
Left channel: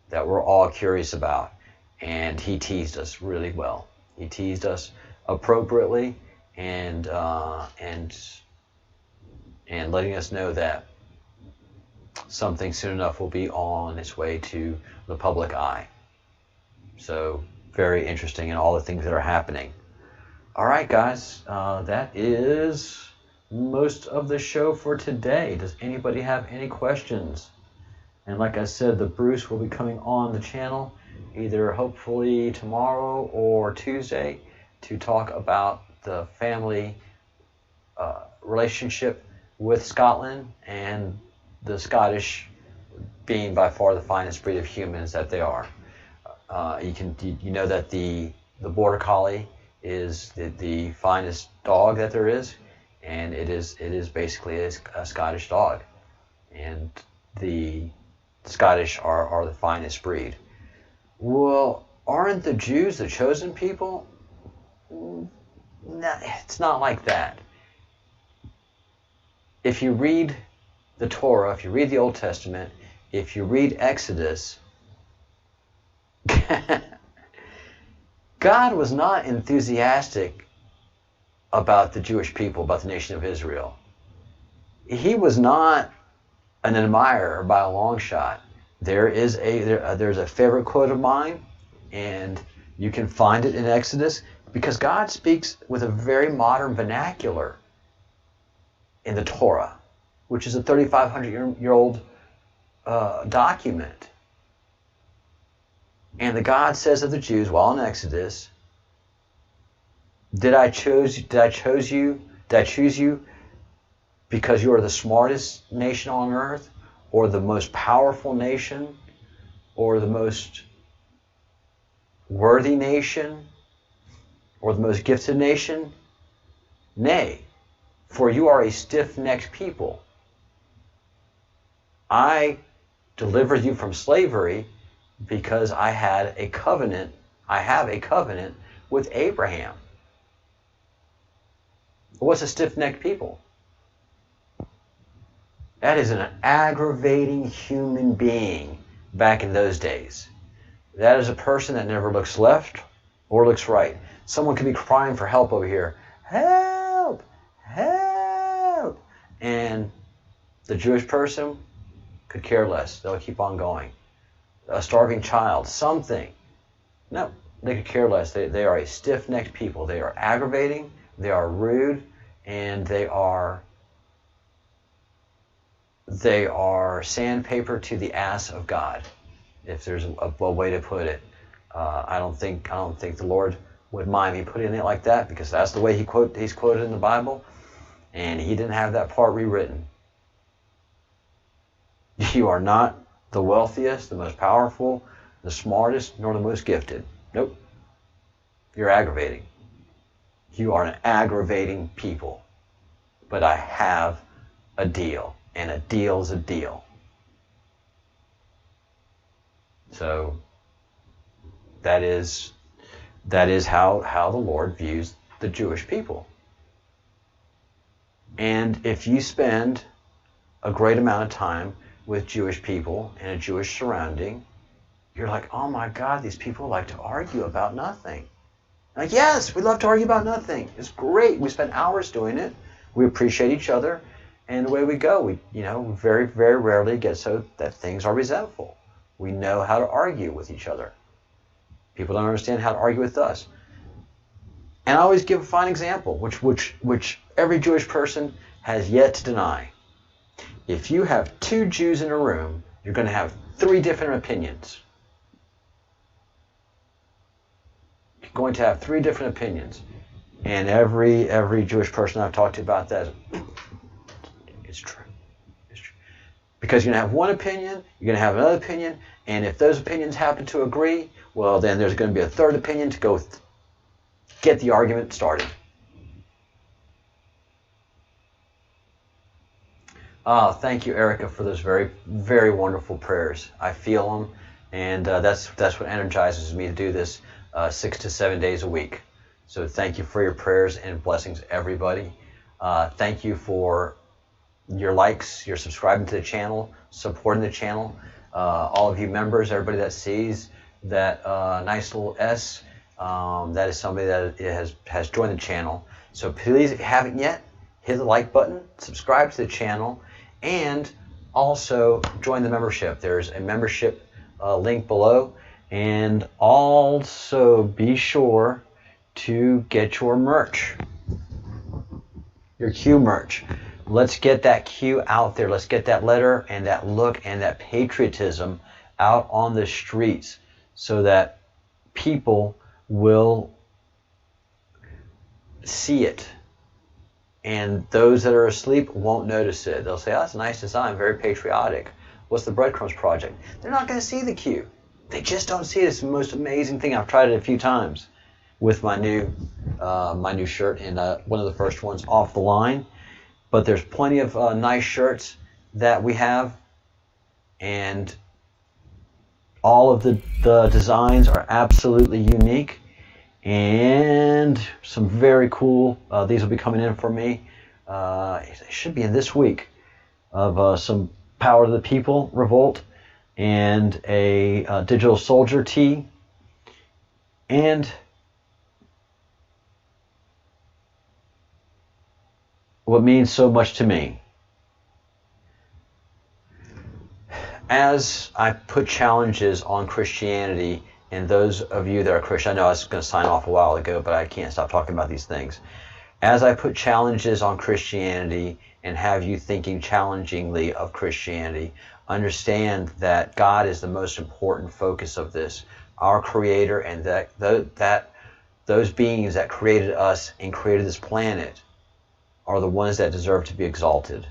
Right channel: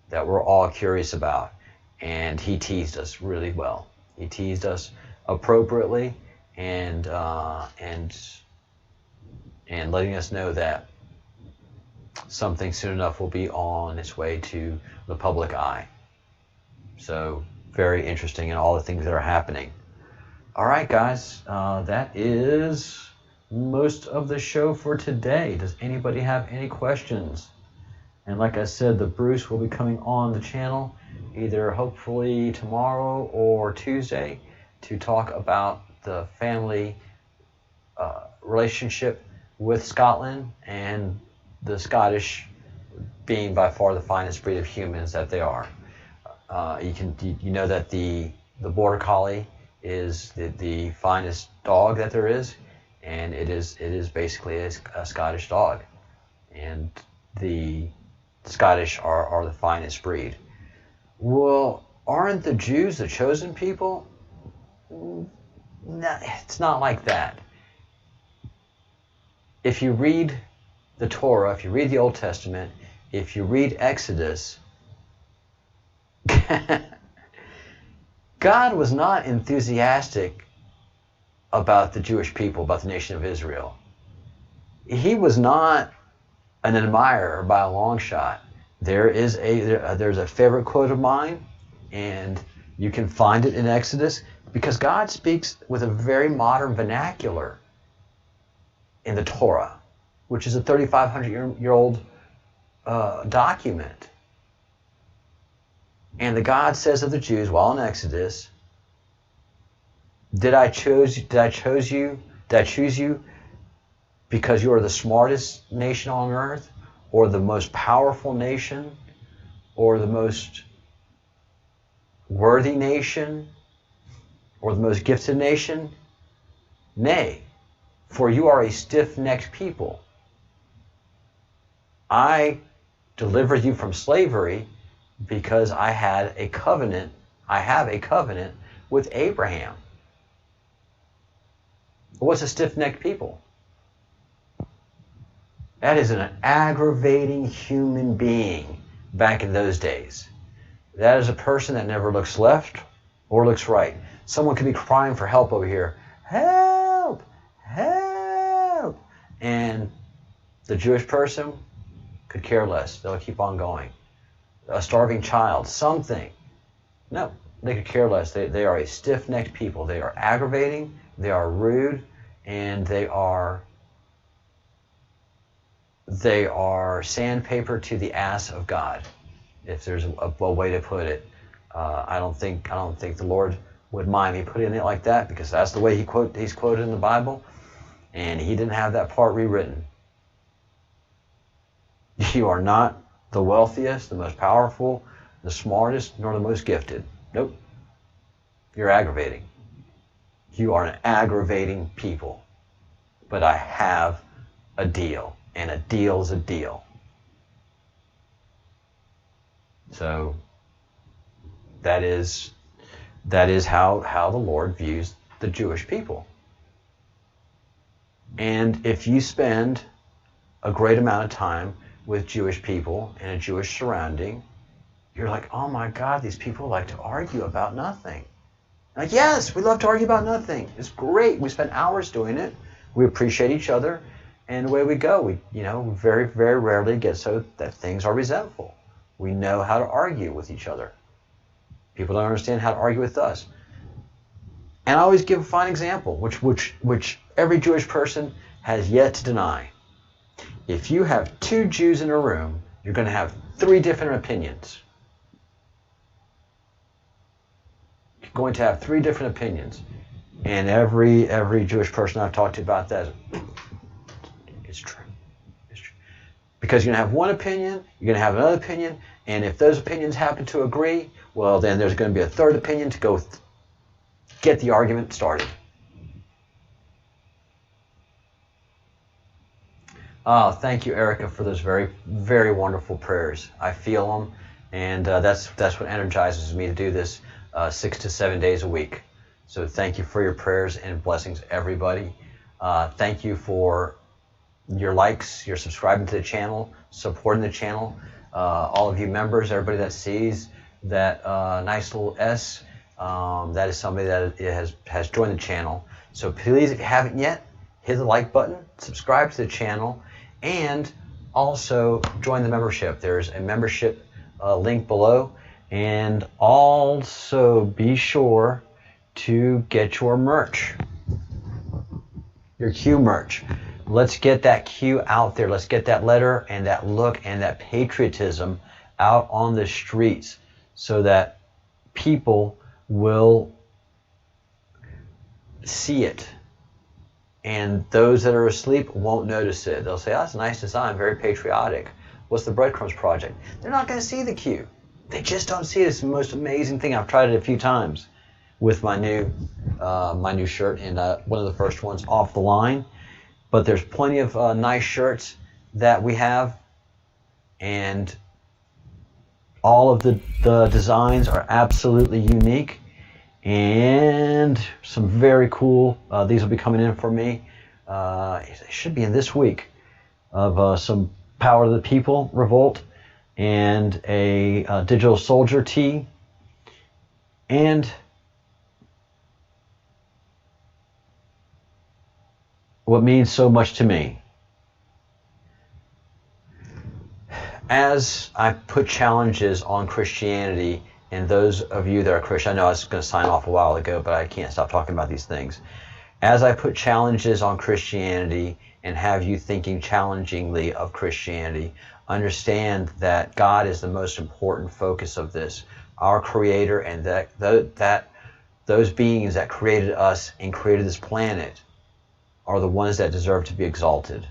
that we're all curious about. And he teased us really well. He teased us appropriately, and letting us know that something soon enough will be on its way to the public eye. So very interesting in all the things that are happening. All right, guys, that is most of the show for today. Does anybody have any questions? And like I said, the Bruce will be coming on the channel either hopefully tomorrow or Tuesday to talk about the family relationship with Scotland, and the Scottish being by far the finest breed of humans that they are. You know that the Border Collie is the finest dog that there is, and it is basically a Scottish dog, and the Scottish are the finest breed. Well, aren't the Jews the chosen people? No, it's not like that. If you read the Torah, if you read the Old Testament, if you read Exodus, God was not enthusiastic about the Jewish people, about the nation of Israel. He was not an admirer by a long shot. There's a favorite quote of mine, and you can find it in Exodus, because God speaks with a very modern vernacular in the Torah, which is a 3,500-year-old document. And the God says of the Jews, while in Exodus, did I choose you because you are the smartest nation on earth, or the most powerful nation, or the most worthy nation, or the most gifted nation? Nay, for you are a stiff-necked people. I delivered you from slavery because I have a covenant with Abraham. What's a stiff-necked people? That is an aggravating human being back in those days. That is a person that never looks left or looks right. Someone could be crying for help over here. Help! Help! And the Jewish person could care less. They'll keep on going. A starving child, something. No, they could care less. They are a stiff-necked people. They are aggravating, they are rude, and they are sandpaper to the ass of God, if there's a way to put it. I don't think the Lord would mind me putting it like that, because that's the way he's quoted in the Bible, and he didn't have that part rewritten. You are not the wealthiest, the most powerful, the smartest, nor the most gifted. Nope. You're aggravating. You are an aggravating people. But I have a deal, and a deal is a deal. So that is how the Lord views the Jewish people. And if you spend a great amount of time with Jewish people in a Jewish surrounding, you're like, oh my God, these people like to argue about nothing. Like, yes, we love to argue about nothing. It's great. We spend hours doing it. We appreciate each other, and away we go. We very, very rarely get so that things are resentful. We know how to argue with each other. People don't understand how to argue with us. And I always give a fine example, which every Jewish person has yet to deny. If you have two Jews in a room, you're going to have three different opinions. You're going to have three different opinions. And every Jewish person I've talked to about that, it's true. It's true. Because you're going to have one opinion, you're going to have another opinion, and if those opinions happen to agree, well, then there's going to be a third opinion to go get the argument started. Thank you, Erica, for those very, very wonderful prayers. I feel them, and that's what energizes me to do this 6 to 7 days a week. So thank you for your prayers and blessings, everybody. Thank you for your likes, your subscribing to the channel, supporting the channel. All of you members, everybody that sees that nice little S, that is somebody that has joined the channel. So please, if you haven't yet, hit the like button, subscribe to the channel, and also join the membership. There's a membership link below, and also be sure to get your merch, your Q merch. Let's get that Q out there. Let's get that letter and that look and that patriotism out on the streets so that people will see it. And those that are asleep won't notice it. They'll say, oh, that's a nice design, very patriotic. What's the Breadcrumbs project? They're not going to see the Q. They just don't see it. It's the most amazing thing. I've tried it a few times with my new shirt, and one of the first ones off the line. But there's plenty of nice shirts that we have, and all of the designs are absolutely unique. And some very cool, these will be coming in for me. It should be in this week, of some Power to the People Revolt, and a Digital Soldier tee, and what means so much to me. As I put challenges on Christianity, and those of you that are Christian, I know I was going to sign off a while ago, but I can't stop talking about these things. As I put challenges on Christianity and have you thinking challengingly of Christianity, understand that God is the most important focus of this. Our Creator, and that those beings that created us and created this planet are the ones that deserve to be exalted.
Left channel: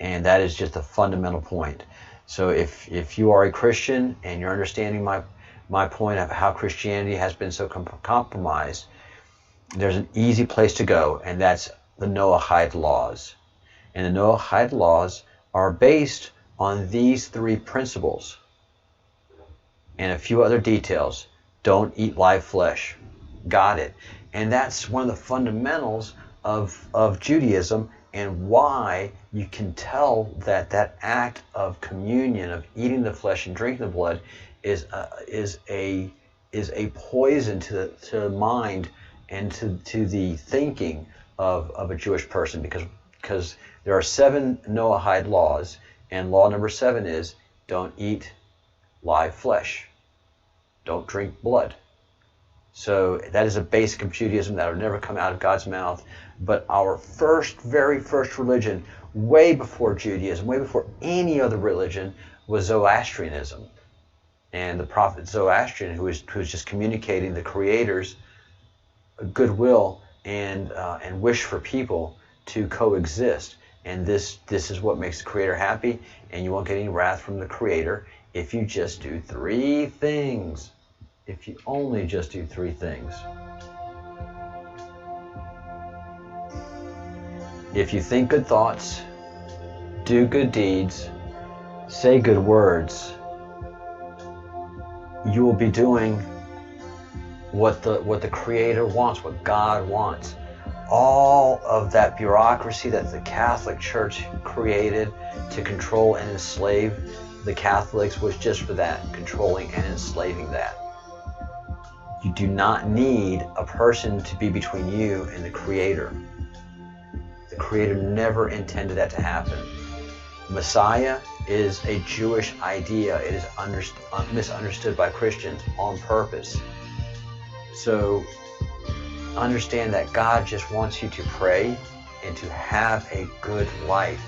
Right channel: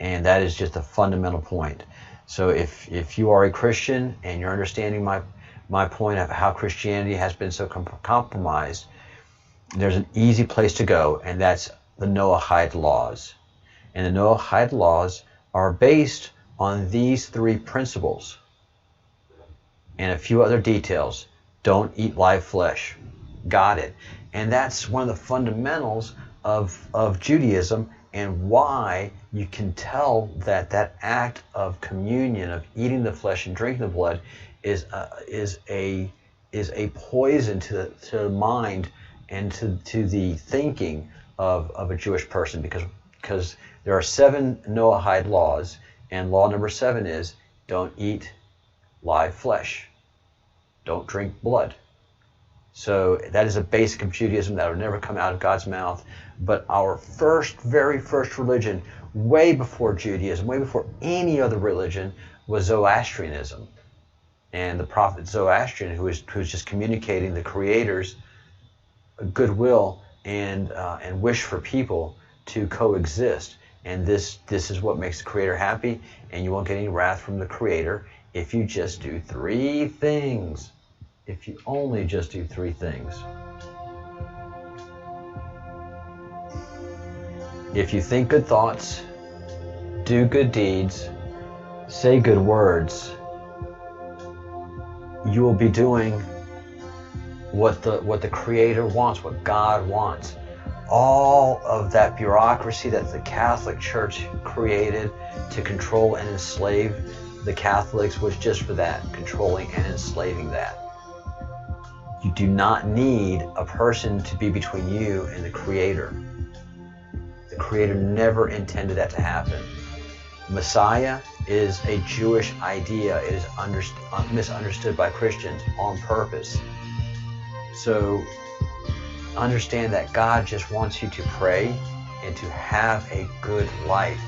And that is just a fundamental point. So if you are a Christian and you're understanding my point of how Christianity has been so compromised, there's an easy place to go, and that's the Noahide laws. And the Noahide laws are based on these three principles and a few other details. Don't eat live flesh. Got it. And that's one of the fundamentals of Judaism, and why you can tell that act of communion, of eating the flesh and drinking the blood, is a poison to the mind and to the thinking of a Jewish person, because because there are 7 Noahide laws, and law number 7 is don't eat live flesh. Don't drink blood. So that is a basic of Judaism that will never come out of God's mouth. But our very first religion, way before Judaism, way before any other religion, was Zoroastrianism. And the prophet Zoroastrian, who was just communicating the Creator's goodwill and wish for people to coexist. And this is what makes the Creator happy, and you won't get any wrath from the Creator if you just do 3 things. If you only just do 3 things. If you think good thoughts, do good deeds, say good words, you will be doing what the Creator wants, what God wants. All of that bureaucracy that the Catholic Church created to control and enslave the Catholics was just for that, controlling and enslaving that. You do not need a person to be between you and the Creator. The Creator never intended that to happen. Messiah is a Jewish idea. It is misunderstood by Christians on purpose. So understand that God just wants you to pray and to have a good life,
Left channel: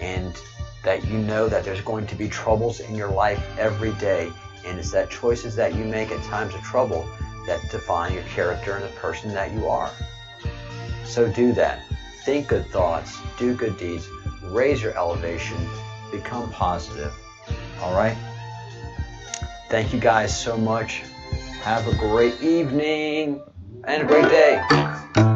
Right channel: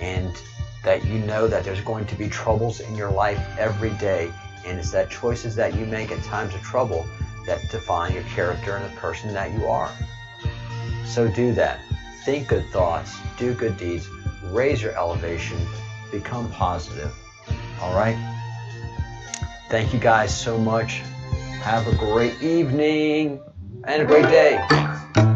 and that you know that there's going to be troubles in your life every day, and it's that choices that you make at times of trouble that define your character and the person that you are. So do that. Think good thoughts, do good deeds, raise your elevation, become positive. All right? Thank you guys so much. Have a great evening and a great day.